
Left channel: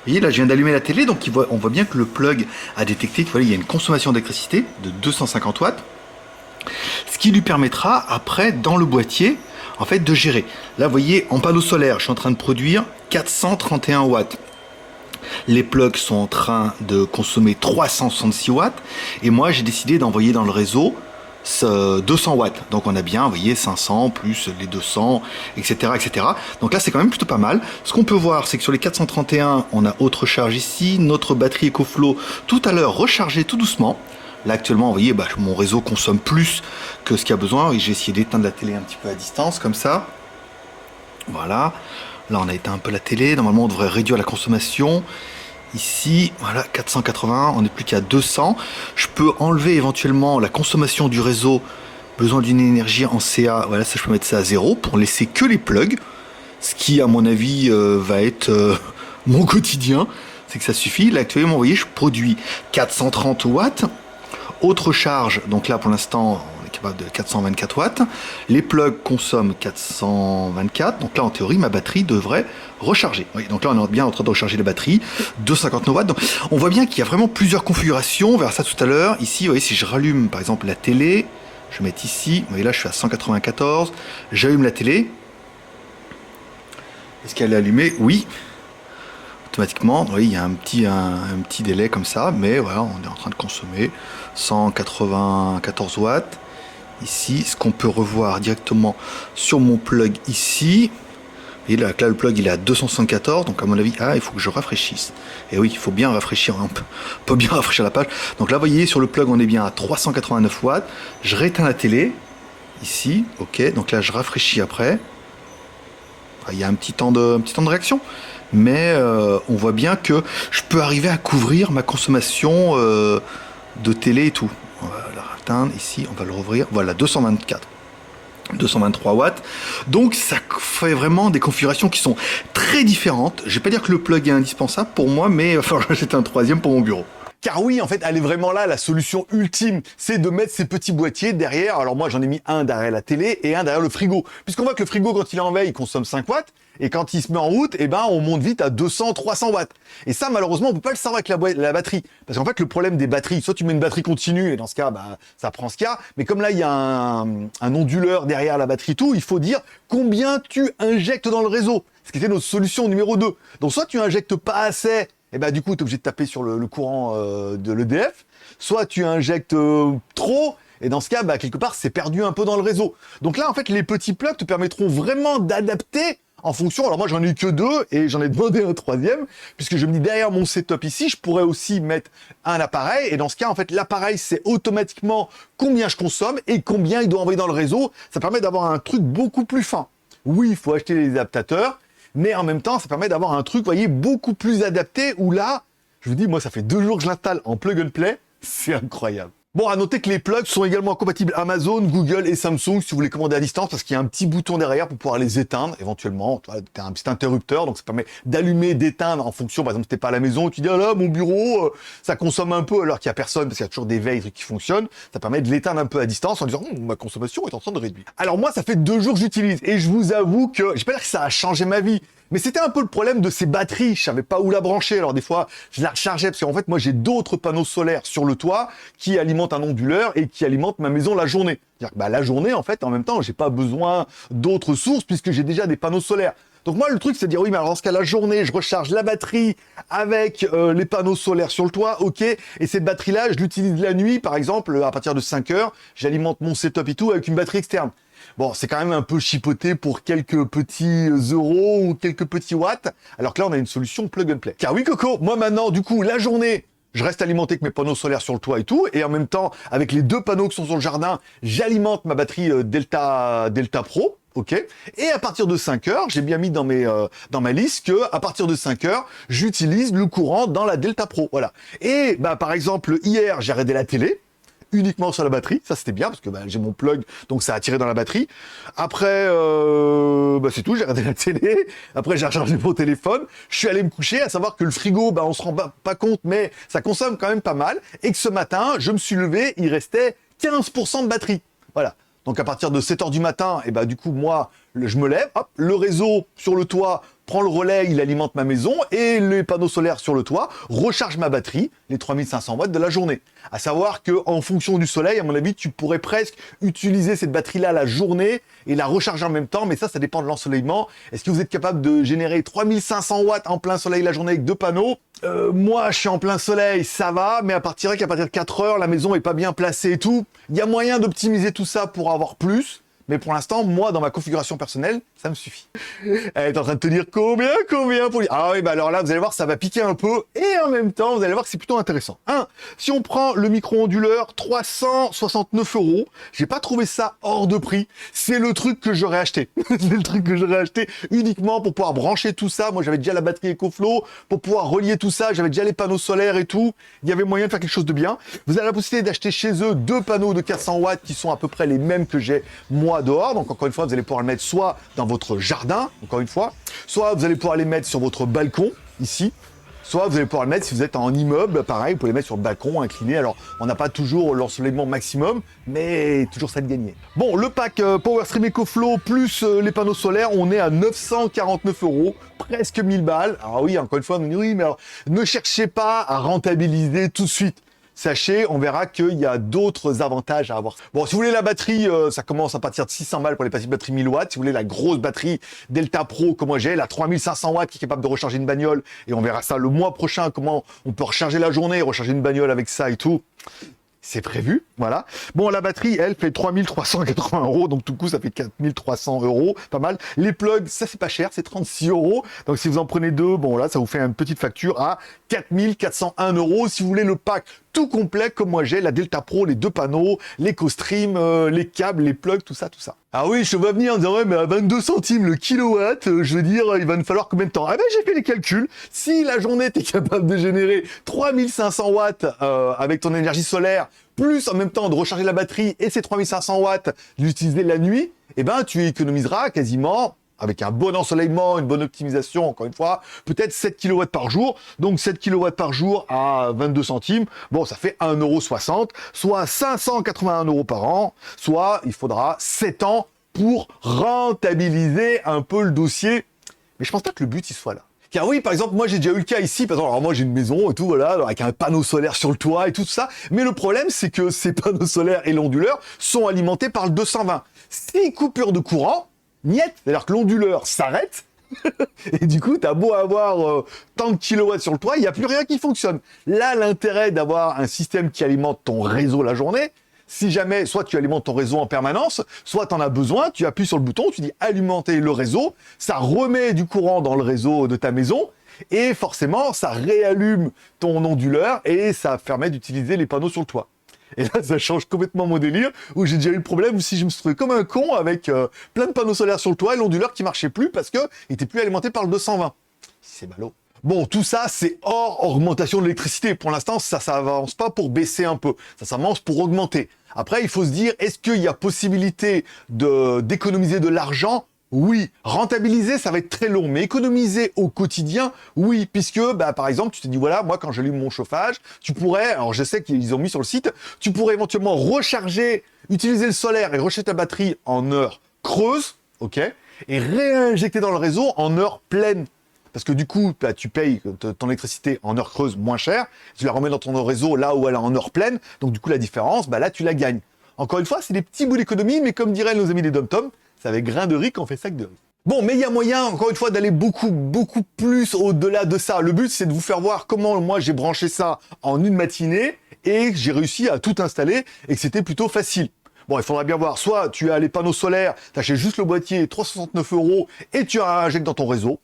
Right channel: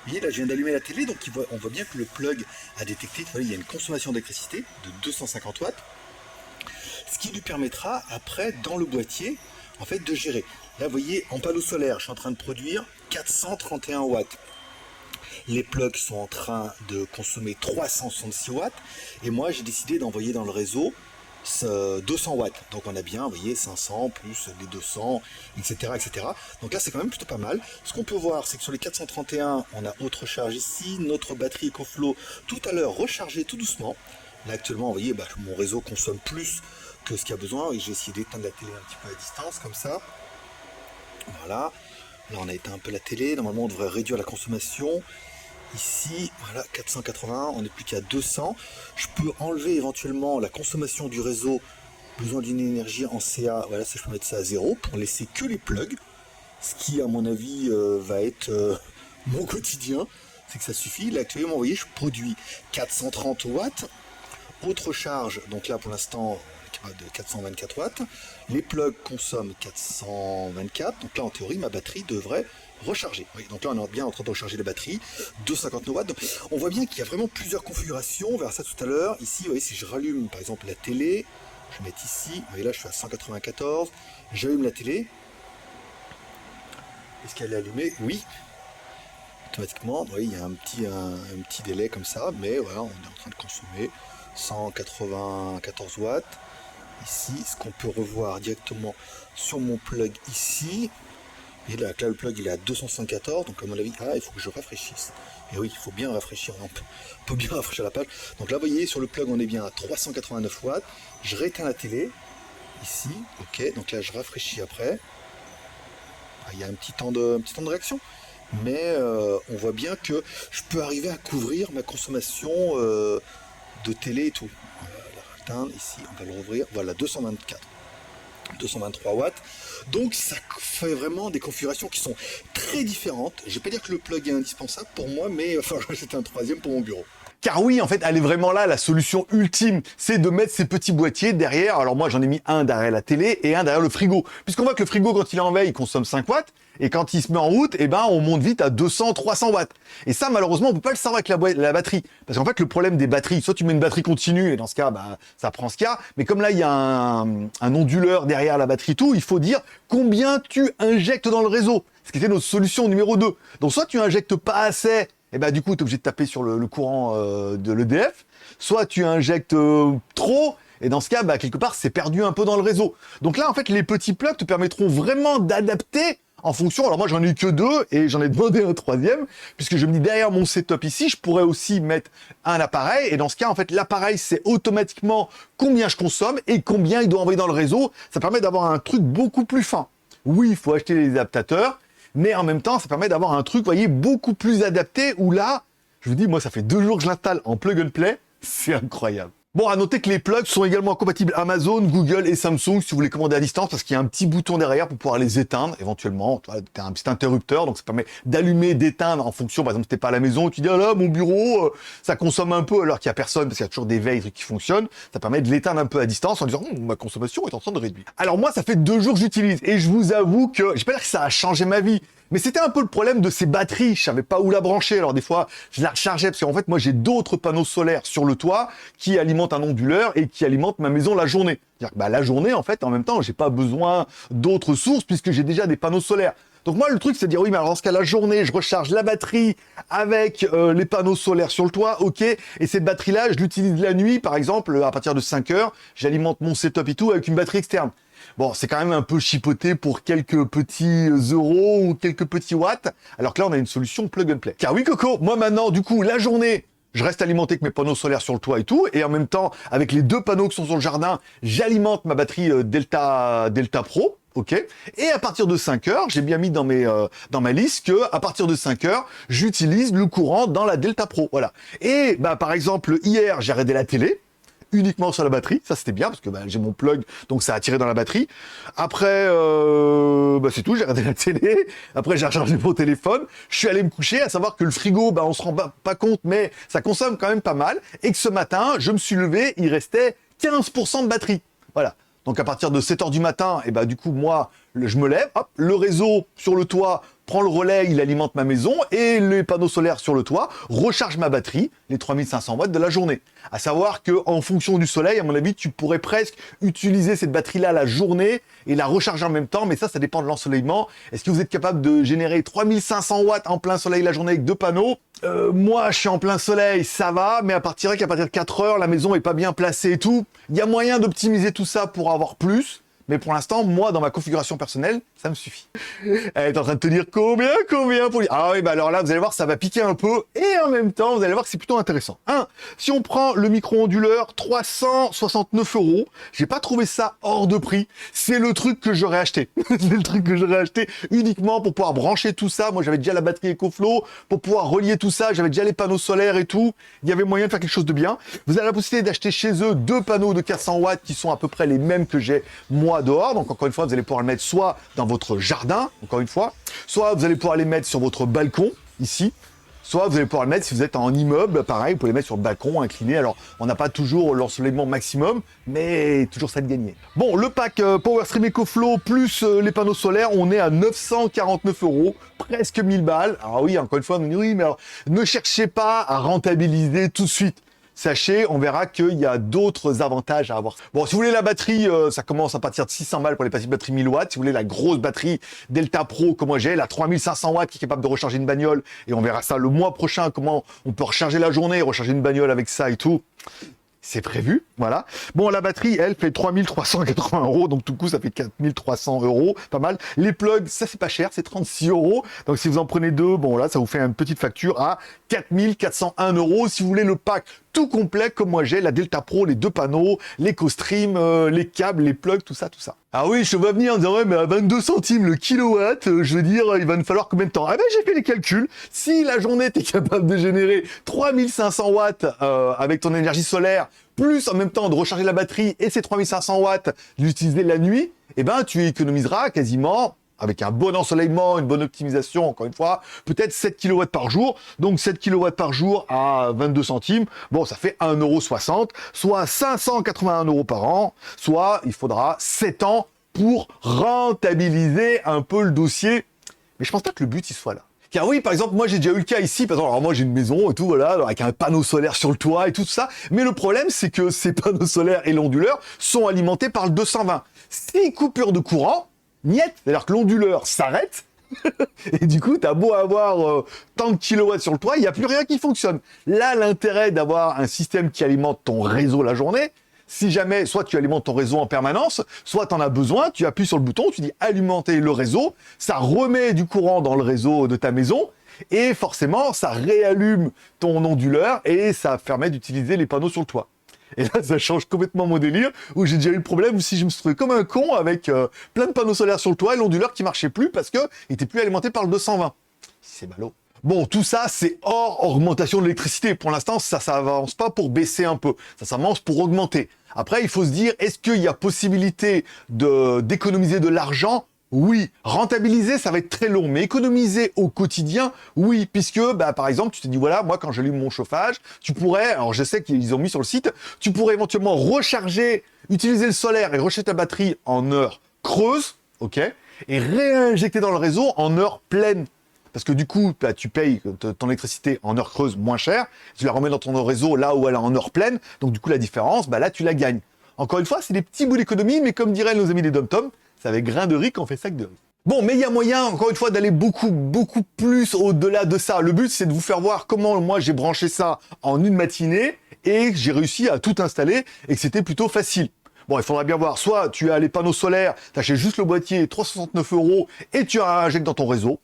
Vous voyez, là, je viens d'allumer la télé, donc on voit bien que le plug a détecté qu'il y a une consommation d'électricité de 250 watts. Ce qui lui permettra, après, dans le boîtier, en fait, de gérer. Là, vous voyez, en panneau solaire, je suis en train de produire 431 watts. Les plugs sont en train de consommer 366 watts. Et moi, j'ai décidé d'envoyer dans le réseau 200 watts. Donc on a bien, vous voyez, 500 plus les 200, etc. etc. Donc là, c'est quand même plutôt pas mal. Ce qu'on peut voir, c'est que sur les 431, on a autre charge ici. Notre batterie EcoFlow, tout à l'heure, rechargée tout doucement. Là, actuellement, vous voyez, mon réseau consomme plus que ce qu'il y a besoin. Et j'ai essayé d'éteindre la télé un petit peu à distance, comme ça. Voilà. Là, on a éteint un peu la télé. Normalement, on devrait réduire la consommation. Ici, voilà, 480, on n'est plus qu'à 200. Je peux enlever éventuellement la consommation du réseau, besoin d'une énergie en CA. Voilà, ça, je peux mettre ça à 0 pour laisser que les plugs. Ce qui, à mon avis, va être mon quotidien. C'est que ça suffit. Là, actuellement, vous voyez, je produis 430 watts. Autre charge, donc là, pour l'instant, on est capable de 424 watts. Les plugs consomment 424. Donc là, en théorie, ma batterie devrait recharger. Oui, donc là, on est bien en train de recharger la batterie. 259 watts. Donc, on voit bien qu'il y a vraiment plusieurs configurations. On verra ça tout à l'heure. Ici, vous voyez, si je rallume, par exemple, la télé, je vais mettre ici. Vous voyez, là, je suis à 194. J'allume la télé. Est-ce qu'elle est allumée? Oui. Automatiquement, oui, il y a un petit délai comme ça, mais voilà, on est en train de consommer 194 watts. Ici, ce qu'on peut revoir directement sur mon plug ici, et là, le plug il est à 274, donc à mon avis, il faut que je rafraîchisse. Et oui, il faut bien rafraîchir, on peut bien rafraîchir la page. Donc là, vous voyez, sur le plug, on est bien à 389 watts. Je rééteins la télé, ici, ok, donc là, je rafraîchis après. Il y a un petit temps de réaction. Mais on voit bien que je peux arriver à couvrir ma consommation de télé et tout. On va la atteindre ici, on va le rouvrir. Voilà, 223 watts. Donc ça fait vraiment des configurations qui sont très différentes. Je vais pas dire que le plug est indispensable pour moi, mais il va falloir que j'achète un troisième pour mon bureau. Car oui, en fait, elle est vraiment là, la solution ultime, c'est de mettre ces petits boîtiers derrière. Alors moi, j'en ai mis un derrière la télé et un derrière le frigo. Puisqu'on voit que le frigo, quand il est en veille, il consomme 5 watts. Et quand il se met en route, on monte vite à 200, 300 watts. Et ça, malheureusement, on peut pas le savoir avec la batterie. Parce qu'en fait, le problème des batteries, soit tu mets une batterie continue, et dans ce cas, ça prend ce qu'il y a. Mais comme là, il y a un onduleur derrière la batterie, tout, il faut dire combien tu injectes dans le réseau. Ce qui était notre solution numéro 2. Donc, soit tu injectes pas assez, et du coup, tu es obligé de taper sur le courant de l'EDF. Soit tu injectes trop, et dans ce cas, quelque part, c'est perdu un peu dans le réseau. Donc là, en fait, les petits plugs te permettront vraiment d'adapter en fonction. Alors moi, j'en ai eu que 2 et j'en ai demandé un troisième, puisque je me dis derrière mon setup ici, je pourrais aussi mettre un appareil. Et dans ce cas, en fait, l'appareil, c'est automatiquement combien je consomme et combien il doit envoyer dans le réseau. Ça permet d'avoir un truc beaucoup plus fin. Oui, il faut acheter les adaptateurs, mais en même temps, ça permet d'avoir un truc, vous voyez, beaucoup plus adapté, où là, je vous dis, moi, ça fait 2 jours que je l'installe en plug and play. C'est incroyable. Bon, à noter que les plugs sont également compatibles Amazon, Google et Samsung si vous voulez commander à distance parce qu'il y a un petit bouton derrière pour pouvoir les éteindre éventuellement. Tu as un petit interrupteur, donc ça permet d'allumer, d'éteindre en fonction. Par exemple, si t'es pas à la maison, tu dis ah là, mon bureau, ça consomme un peu alors qu'il y a personne parce qu'il y a toujours des veilles trucs qui fonctionnent. Ça permet de l'éteindre un peu à distance en disant ma consommation est en train de réduire. Alors moi, ça fait 2 jours que j'utilise et je vous avoue que je vais pas dire que ça a changé ma vie. Mais c'était un peu le problème de ces batteries, je savais pas où la brancher, alors des fois je la rechargeais, parce qu'en fait moi j'ai d'autres panneaux solaires sur le toit qui alimentent un onduleur et qui alimentent ma maison la journée. C'est-à-dire que la journée en fait, en même temps, j'ai pas besoin d'autres sources puisque j'ai déjà des panneaux solaires. Donc moi le truc c'est de dire oui mais alors dans ce cas la journée je recharge la batterie avec les panneaux solaires sur le toit, ok, et cette batterie là je l'utilise la nuit par exemple à partir de 5 heures, j'alimente mon setup et tout avec une batterie externe. Bon, c'est quand même un peu chipoté pour quelques petits euros ou quelques petits watts, alors que là, on a une solution plug and play. Car oui, Coco, moi maintenant, du coup, la journée, je reste alimenté avec mes panneaux solaires sur le toit et tout, et en même temps, avec les 2 panneaux qui sont sur le jardin, j'alimente ma batterie Delta Pro, ok. Et à partir de 5 heures, j'ai bien mis dans ma liste que à partir de 5 heures, j'utilise le courant dans la Delta Pro, voilà. Et bah par exemple, hier, j'ai arrêté la télé. Uniquement sur la batterie, ça c'était bien parce que j'ai mon plug donc ça a tiré dans la batterie. Après c'est tout, j'ai regardé la télé, après j'ai rechargé mon téléphone, je suis allé me coucher, à savoir que le frigo on se rend pas compte mais ça consomme quand même pas mal et que ce matin je me suis levé, il restait 15% de batterie. Voilà. Donc à partir de 7h du matin, et du coup moi je me lève, hop, le réseau sur le toit prend le relais, il alimente ma maison et les panneaux solaires sur le toit rechargent ma batterie, les 3500 watts de la journée. À savoir que en fonction du soleil, à mon avis, tu pourrais presque utiliser cette batterie-là la journée et la recharger en même temps, mais ça dépend de l'ensoleillement. Est-ce que vous êtes capable de générer 3500 watts en plein soleil la journée avec 2 panneaux? Moi, je suis en plein soleil, ça va, mais qu'à partir de 4 heures, la maison est pas bien placée et tout. Il y a moyen d'optimiser tout ça pour avoir plus. Mais pour l'instant, moi, dans ma configuration personnelle, ça me suffit. Elle est en train de te dire combien pour dire. Ah oui, alors là, vous allez voir, ça va piquer un peu. Et en même temps, vous allez voir que c'est plutôt intéressant. Si on prend le micro-onduleur, 369 €. J'ai pas trouvé ça hors de prix. C'est le truc que j'aurais acheté. C'est le truc que j'aurais acheté uniquement pour pouvoir brancher tout ça. Moi, j'avais déjà la batterie EcoFlow. Pour pouvoir relier tout ça, j'avais déjà les panneaux solaires et tout. Il y avait moyen de faire quelque chose de bien. Vous avez la possibilité d'acheter chez eux 2 panneaux de 400 watts qui sont à peu près les mêmes que j'ai moi dehors. Donc encore une fois, vous allez pouvoir le mettre soit dans votre jardin, encore une fois, soit vous allez pouvoir les mettre sur votre balcon, ici, soit vous allez pouvoir le mettre si vous êtes en immeuble, pareil, vous pouvez les mettre sur le balcon, incliné. Alors, on n'a pas toujours l'ensoleillement maximum, mais toujours ça de gagner. Bon, le pack PowerStream EcoFlow plus les panneaux solaires, on est à 949 €, presque 1000 balles. Alors oui, encore une fois, on nous dit oui, mais alors, ne cherchez pas à rentabiliser tout de suite. Sachez, on verra qu'il y a d'autres avantages à avoir. Bon, si vous voulez la batterie, ça commence à partir de 600 balles pour les petites batteries 1000 watts. Si vous voulez la grosse batterie Delta Pro, comme moi j'ai, la 3500 watts qui est capable de recharger une bagnole, et on verra ça le mois prochain, comment on peut recharger la journée, recharger une bagnole avec ça et tout. C'est prévu, voilà. Bon, la batterie, elle, fait 3380 €, donc tout coup, ça fait 4300 €, pas mal. Les plugs, ça, c'est pas cher, c'est 36 €. Donc, si vous en prenez 2, bon, là, ça vous fait une petite facture à 4401 €. Si vous voulez le pack tout complet, comme moi j'ai, la Delta Pro, les 2 panneaux, l'EcoStream, les câbles, les plugs, tout ça, tout ça. Ah oui, je te vois venir en disant, ouais, mais à 22 centimes le kilowatt, je veux dire, il va nous falloir combien de temps? Ah ben, j'ai fait les calculs. Si la journée, t'es capable de générer 3500 watts avec ton énergie solaire, plus en même temps de recharger la batterie et ces 3500 watts, d'utiliser la nuit, eh ben, tu économiseras quasiment, avec un bon ensoleillement, une bonne optimisation, encore une fois, peut-être 7 kW par jour. Donc 7 kW par jour à 22 centimes, bon, ça fait 1,60 €, soit 581 € par an, soit il faudra 7 ans pour rentabiliser un peu le dossier. Mais je pense pas que le but, il soit là. Car oui, par exemple, moi j'ai déjà eu le cas ici, par exemple, alors moi j'ai une maison et tout, voilà, avec un panneau solaire sur le toit et tout ça, mais le problème c'est que ces panneaux solaires et l'onduleur sont alimentés par le 220. Si coupure de courant, niet, c'est-à-dire que l'onduleur s'arrête, et du coup, t'as beau avoir tant de kilowatts sur le toit, il n'y a plus rien qui fonctionne. Là, l'intérêt d'avoir un système qui alimente ton réseau la journée, si jamais, soit tu alimentes ton réseau en permanence, soit tu en as besoin, tu appuies sur le bouton, tu dis alimenter le réseau, ça remet du courant dans le réseau de ta maison, et forcément, ça réallume ton onduleur, et ça permet d'utiliser les panneaux sur le toit. Et là, ça change complètement mon délire, où j'ai déjà eu le problème où si je me suis trouvé comme un con avec plein de panneaux solaires sur le toit et l'onduleur qui marchait plus parce que il était plus alimenté par le 220. C'est ballot. Bon, tout ça, c'est hors augmentation de l'électricité. Pour l'instant, ça avance pas pour baisser un peu. Ça avance pour augmenter. Après, il faut se dire, est-ce qu'il y a possibilité d'économiser de l'argent? Oui. Rentabiliser, ça va être très long. Mais économiser au quotidien, oui. Puisque, bah, par exemple, tu te dis, voilà, moi, quand j'allume mon chauffage, tu pourrais, alors je sais qu'ils ont mis sur le site, tu pourrais éventuellement recharger, utiliser le solaire et recharger ta batterie en heure creuse, ok? Et réinjecter dans le réseau en heure pleine. Parce que du coup, bah, tu payes ton électricité en heure creuse moins cher, tu la remets dans ton réseau là où elle est en heure pleine, donc du coup la différence, bah, là tu la gagnes. Encore une fois, c'est des petits bouts d'économie, mais comme diraient nos amis des dom-toms, c'est avec grain de riz qu'on fait sac de riz. Bon, mais il y a moyen, encore une fois, d'aller beaucoup plus au-delà de ça. Le but, c'est de vous faire voir comment moi j'ai branché ça en une matinée et j'ai réussi à tout installer et que c'était plutôt facile. Bon, il faudra bien voir, soit tu as les panneaux solaires, t'achètes juste le boîtier, 369 € et tu injectes dans ton réseau.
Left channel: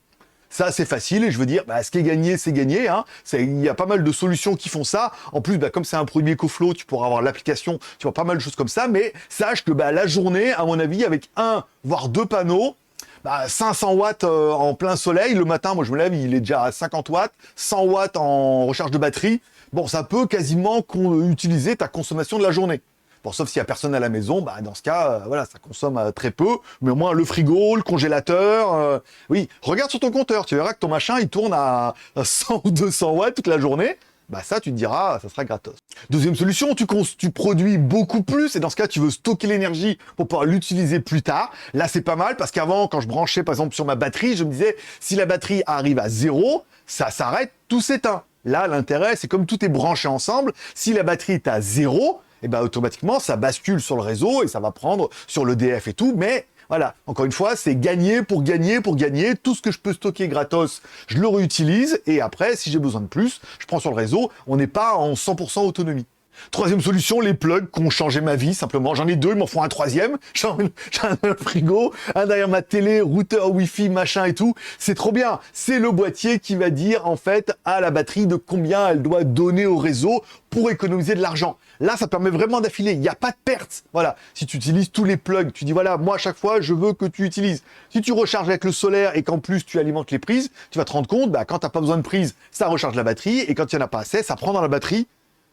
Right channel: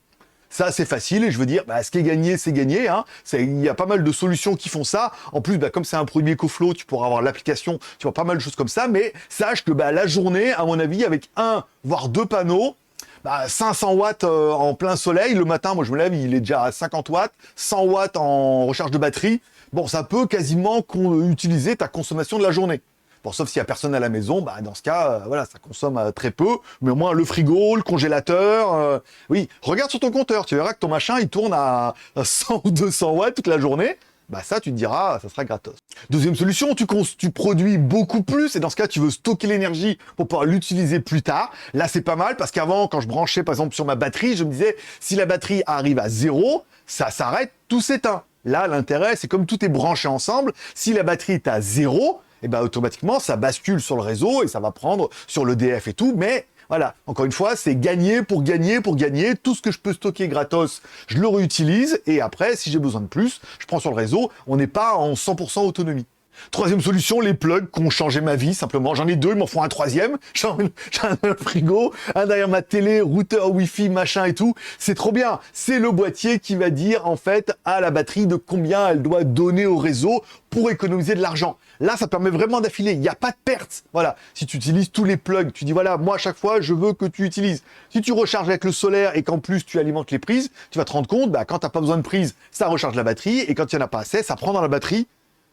Ça, c'est facile, et je veux dire, bah, ce qui est gagné, c'est gagné. Hein. Il y a pas mal de solutions qui font ça. En plus, bah, comme c'est un produit EcoFlow, tu pourras avoir l'application, tu vois pas mal de choses comme ça. Mais sache que bah, la journée, à mon avis, avec un, voire deux panneaux, bah, 500 watts en plein soleil. Le matin, moi, je me lève, il est déjà à 50 watts, 100 watts en recharge de batterie. Bon, ça peut quasiment utiliser ta consommation de la journée. Bon, sauf s'il n'y a personne à la maison, bah, dans ce cas, voilà, ça consomme très peu. Mais au moins, le frigo, le congélateur... oui, regarde sur ton compteur, tu verras que ton machin, il tourne à 100 ou 200 watts toute la journée. Bah ça, tu te diras, ça sera gratos. Deuxième solution, tu produis beaucoup plus, et dans ce cas, tu veux stocker l'énergie pour pouvoir l'utiliser plus tard. Là, c'est pas mal, parce qu'avant, quand je branchais, par exemple, sur ma batterie, je me disais, si la batterie arrive à 0, ça s'arrête, tout s'éteint. Là, l'intérêt, c'est comme tout est branché ensemble, si la batterie est à 0, et ben automatiquement, ça bascule sur le réseau et ça va prendre sur l'EDF et tout. Mais voilà, encore une fois, c'est gagner pour gagner pour gagner. Tout ce que je peux stocker gratos, je le réutilise. Et après, si j'ai besoin de plus, je prends sur le réseau. On n'est pas en 100% autonomie. Troisième solution, les plugs qui ont changé ma vie, simplement. J'en ai deux, ils m'en font un troisième. J'ai un frigo, un derrière ma télé, routeur, wifi, machin et tout. C'est trop bien. C'est le boîtier qui va dire, en fait, à la batterie de combien elle doit donner au réseau pour économiser de l'argent. Là, ça permet vraiment d'affiler. Il n'y a pas de perte. Voilà. Si tu utilises tous les plugs, tu dis, voilà, moi, à chaque fois, je veux que tu utilises. Si tu recharges avec le solaire et qu'en plus, tu alimentes les prises, tu vas te rendre compte, bah, quand tu n'as pas besoin de prise, ça recharge la batterie. Et quand il n'y en a pas assez, ça prend dans la batterie.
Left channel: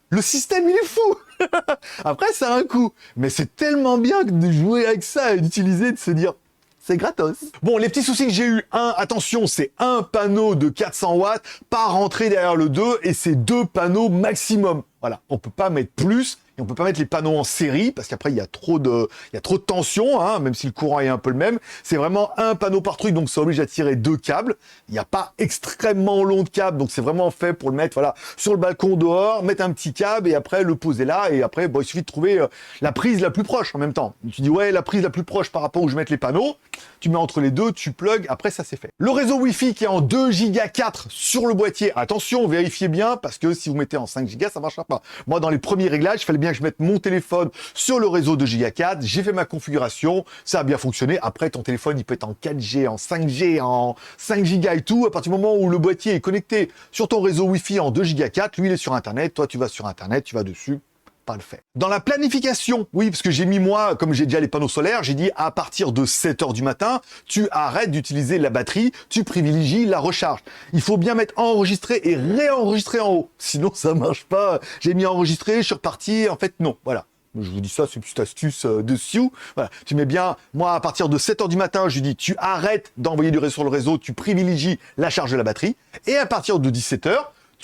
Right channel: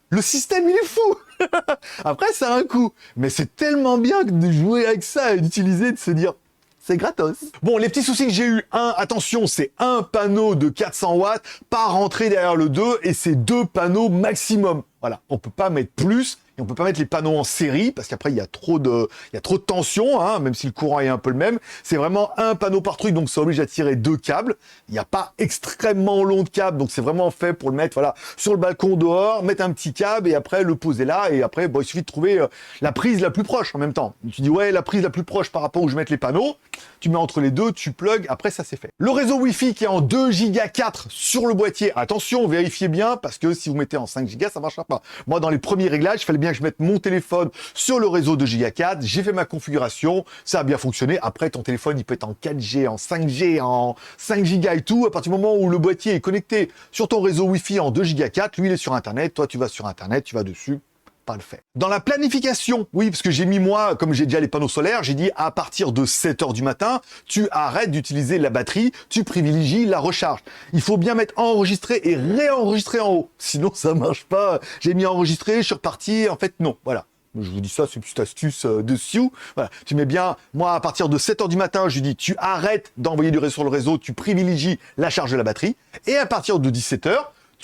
Le système, il est fou. Après, ça a un coût. Mais c'est tellement bien de jouer avec ça et d'utiliser, de se dire, c'est gratos. Bon, les petits soucis que j'ai eu, attention, c'est un panneau de 400 watts, pas rentrer derrière le 2, et c'est 2 panneaux maximum. Voilà, on peut pas mettre plus, et on peut pas mettre les panneaux en série, parce qu'après, il y a trop de tension, hein, même si le courant est un peu le même. C'est vraiment un panneau par truc, donc ça oblige à tirer 2 câbles. Il n'y a pas extrêmement long de câble, donc c'est vraiment fait pour le mettre, voilà, sur le balcon dehors, mettre un petit câble, et après, le poser là, et après, bon, il suffit de trouver la prise la plus proche en même temps. Tu dis, ouais, la prise la plus proche par rapport où je mets les panneaux, tu mets entre les deux, tu plugs, après ça c'est fait. Le réseau Wi-Fi qui est en 2 Go 4 sur le boîtier, attention, vérifiez bien, parce que si vous mettez en 5 Go, ça marchera pas. Moi, dans les premiers réglages, il fallait bien que je mette mon téléphone sur le réseau 2 Go 4, j'ai fait ma configuration, ça a bien fonctionné. Après, ton téléphone, il peut être en 4G, en 5G, en 5 Go et tout. À partir du moment où le boîtier est connecté sur ton réseau Wi-Fi en 2 Go 4, lui, il est sur Internet, toi, tu vas sur Internet, tu vas dessus. Pas le fait. Dans la planification, oui, parce que j'ai mis moi, comme j'ai déjà les panneaux solaires, j'ai dit à partir de 7h du matin, tu arrêtes d'utiliser la batterie, tu privilégies la recharge. Il faut bien mettre enregistré et réenregistrer en haut, sinon ça marche pas. J'ai mis enregistré, je suis reparti, en fait non, voilà. Je vous dis ça, c'est une petite astuce dessus. Voilà. Tu mets bien, moi, à partir de 7h du matin, je dis, tu arrêtes d'envoyer du réseau sur le réseau, tu privilégies la charge de la batterie. Et à partir de 17h,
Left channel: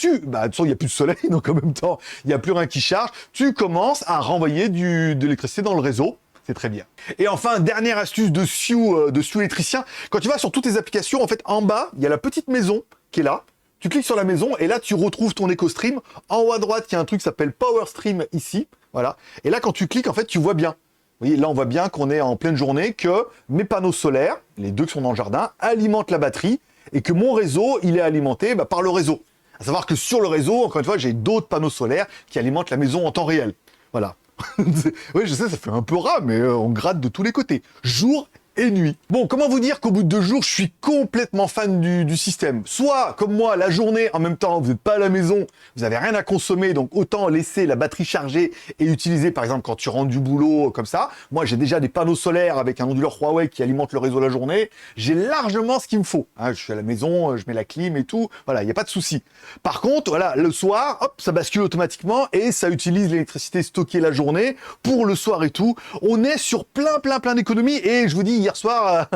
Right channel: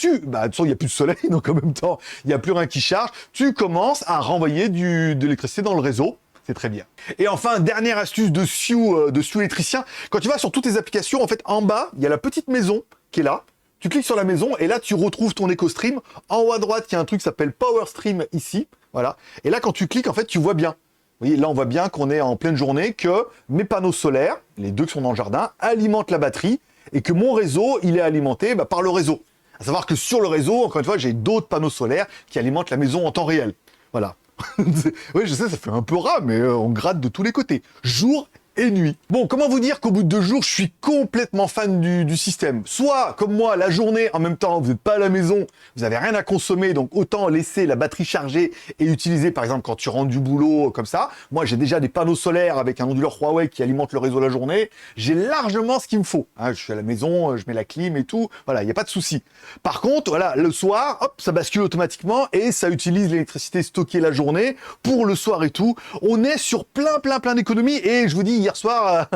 de toute façon, il n'y a plus de soleil, donc en même temps, il n'y a plus rien qui charge. Tu commences à renvoyer de l'électricité dans le réseau. C'est très bien. Et enfin, dernière astuce de Sioux électricien. Quand tu vas sur toutes tes applications, en fait, en bas, il y a la petite maison qui est là. Tu cliques sur la maison et là, tu retrouves ton EcoStream. En haut à droite, il y a un truc qui s'appelle PowerStream ici. Voilà. Et là, quand tu cliques, en fait, tu vois bien. Vous voyez, là, on voit bien qu'on est en pleine journée, que mes panneaux solaires, les deux qui sont dans le jardin, alimentent la batterie et que mon réseau, il est alimenté par le réseau. À savoir que sur le réseau, encore une fois, j'ai d'autres panneaux solaires qui alimentent la maison en temps réel. Voilà. Oui, je sais, ça fait un peu ras, mais on gratte de tous les côtés. Jour et nuit. Bon, comment vous dire qu'au bout de 2 jours, je suis complètement fan du système. Soit, comme moi, la journée, en même temps, vous n'êtes pas à la maison, vous n'avez rien à consommer, donc autant laisser la batterie chargée et utiliser, par exemple, quand tu rentres du boulot, comme ça. Moi, j'ai déjà des panneaux solaires avec un onduleur Huawei qui alimente le réseau la journée. J'ai largement ce qu'il me faut. Hein, je suis à la maison, je mets la clim et tout. Voilà, il n'y a pas de souci. Par contre, voilà, le soir, hop, ça bascule automatiquement et ça utilise l'électricité stockée la journée pour le soir et tout. On est sur plein d'économies et je vous dis, hier soir,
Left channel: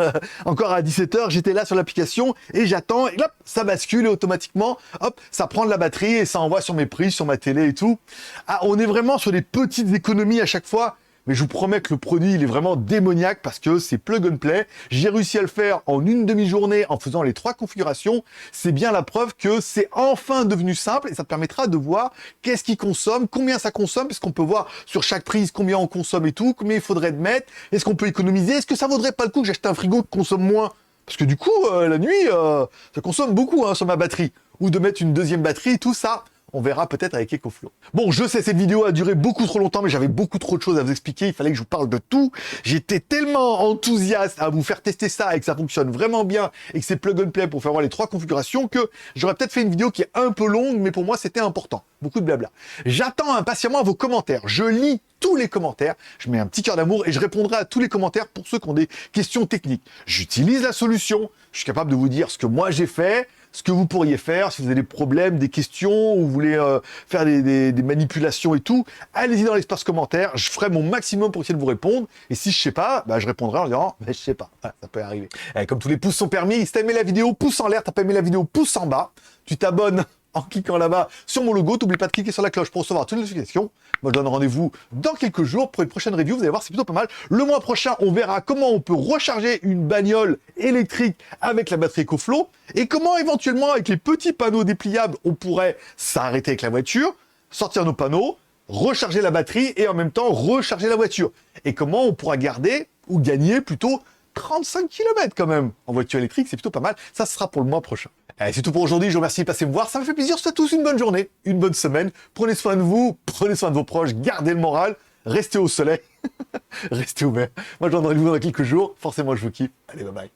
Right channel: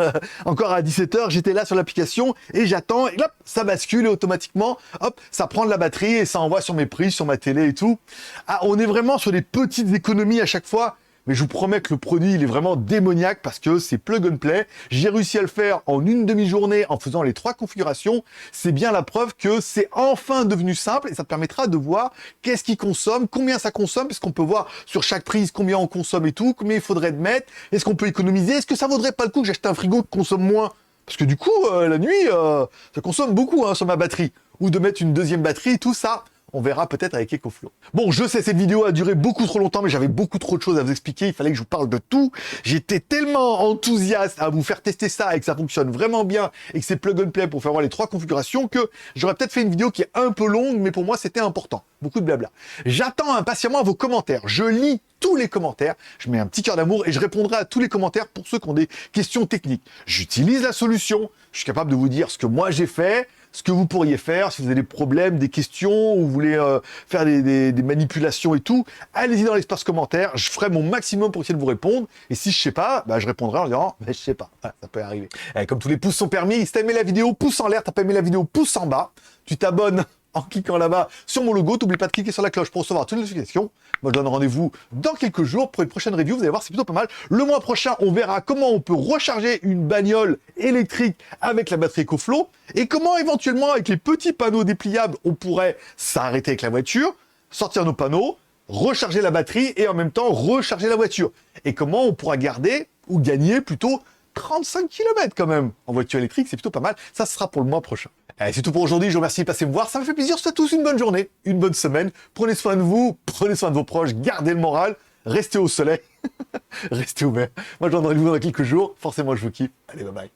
encore à 17h, j'étais là sur l'application et j'attends et hop, ça bascule et automatiquement, hop, ça prend de la batterie et ça envoie sur mes prises, sur ma télé et tout. Ah, on est vraiment sur des petites économies à chaque fois. Mais je vous promets que le produit, il est vraiment démoniaque parce que c'est plug and play. J'ai réussi à le faire en une demi-journée en faisant les 3 configurations. C'est bien la preuve que c'est enfin devenu simple et ça te permettra de voir qu'est-ce qu'il consomme, combien ça consomme, parce qu'on peut voir sur chaque prise combien on consomme et tout, combien il faudrait de mettre, est-ce qu'on peut économiser, est-ce que ça vaudrait pas le coup que j'achète un frigo qui consomme moins? Parce que du coup, la nuit, ça consomme beaucoup hein, sur ma batterie. Ou de mettre une deuxième batterie, tout ça. On verra peut-être avec EcoFlow. Bon, je sais, cette vidéo a duré beaucoup trop longtemps, mais j'avais beaucoup trop de choses à vous expliquer. Il fallait que je vous parle de tout. J'étais tellement enthousiaste à vous faire tester ça et que ça fonctionne vraiment bien et que c'est plug and play pour faire voir les 3 configurations que j'aurais peut-être fait une vidéo qui est un peu longue, mais pour moi, c'était important. Beaucoup de blabla. J'attends impatiemment vos commentaires. Je lis tous les commentaires. Je mets un petit cœur d'amour et je répondrai à tous les commentaires pour ceux qui ont des questions techniques. J'utilise la solution. Je suis capable de vous dire ce que moi j'ai fait, ce que vous pourriez faire, si vous avez des problèmes, des questions, ou vous voulez faire des manipulations et tout, allez-y dans l'espace commentaire, je ferai mon maximum pour essayer de vous répondre, et si je sais pas, bah, je répondrai en disant, je sais pas, voilà, ça peut arriver. Comme tous les pouces sont permis, si t'as aimé la vidéo, pouce en l'air, t'as pas aimé la vidéo, pouce en bas, tu t'abonnes en cliquant là-bas sur mon logo, t'oublies pas de cliquer sur la cloche pour recevoir toutes les notifications. Moi, je donne rendez-vous dans quelques jours pour une prochaine review. Vous allez voir, c'est plutôt pas mal. Le mois prochain, on verra comment on peut recharger une bagnole électrique avec la batterie EcoFlow et comment éventuellement, avec les petits panneaux dépliables, on pourrait s'arrêter avec la voiture, sortir nos panneaux, recharger la batterie et en même temps recharger la voiture. Et comment on pourra garder ou gagner plutôt 35 km quand même en voiture électrique, c'est plutôt pas mal. Ça, ce sera pour le mois prochain. Allez, c'est tout pour aujourd'hui. Je vous remercie de passer me voir. Ça me fait plaisir. Je vous souhaite tous une bonne journée, une bonne semaine. Prenez soin de vous, prenez soin de vos proches, gardez le moral, restez au soleil, restez ouverts. Moi, je vous donne rendez-vous dans quelques jours. Forcément, je vous kiffe. Allez, bye bye.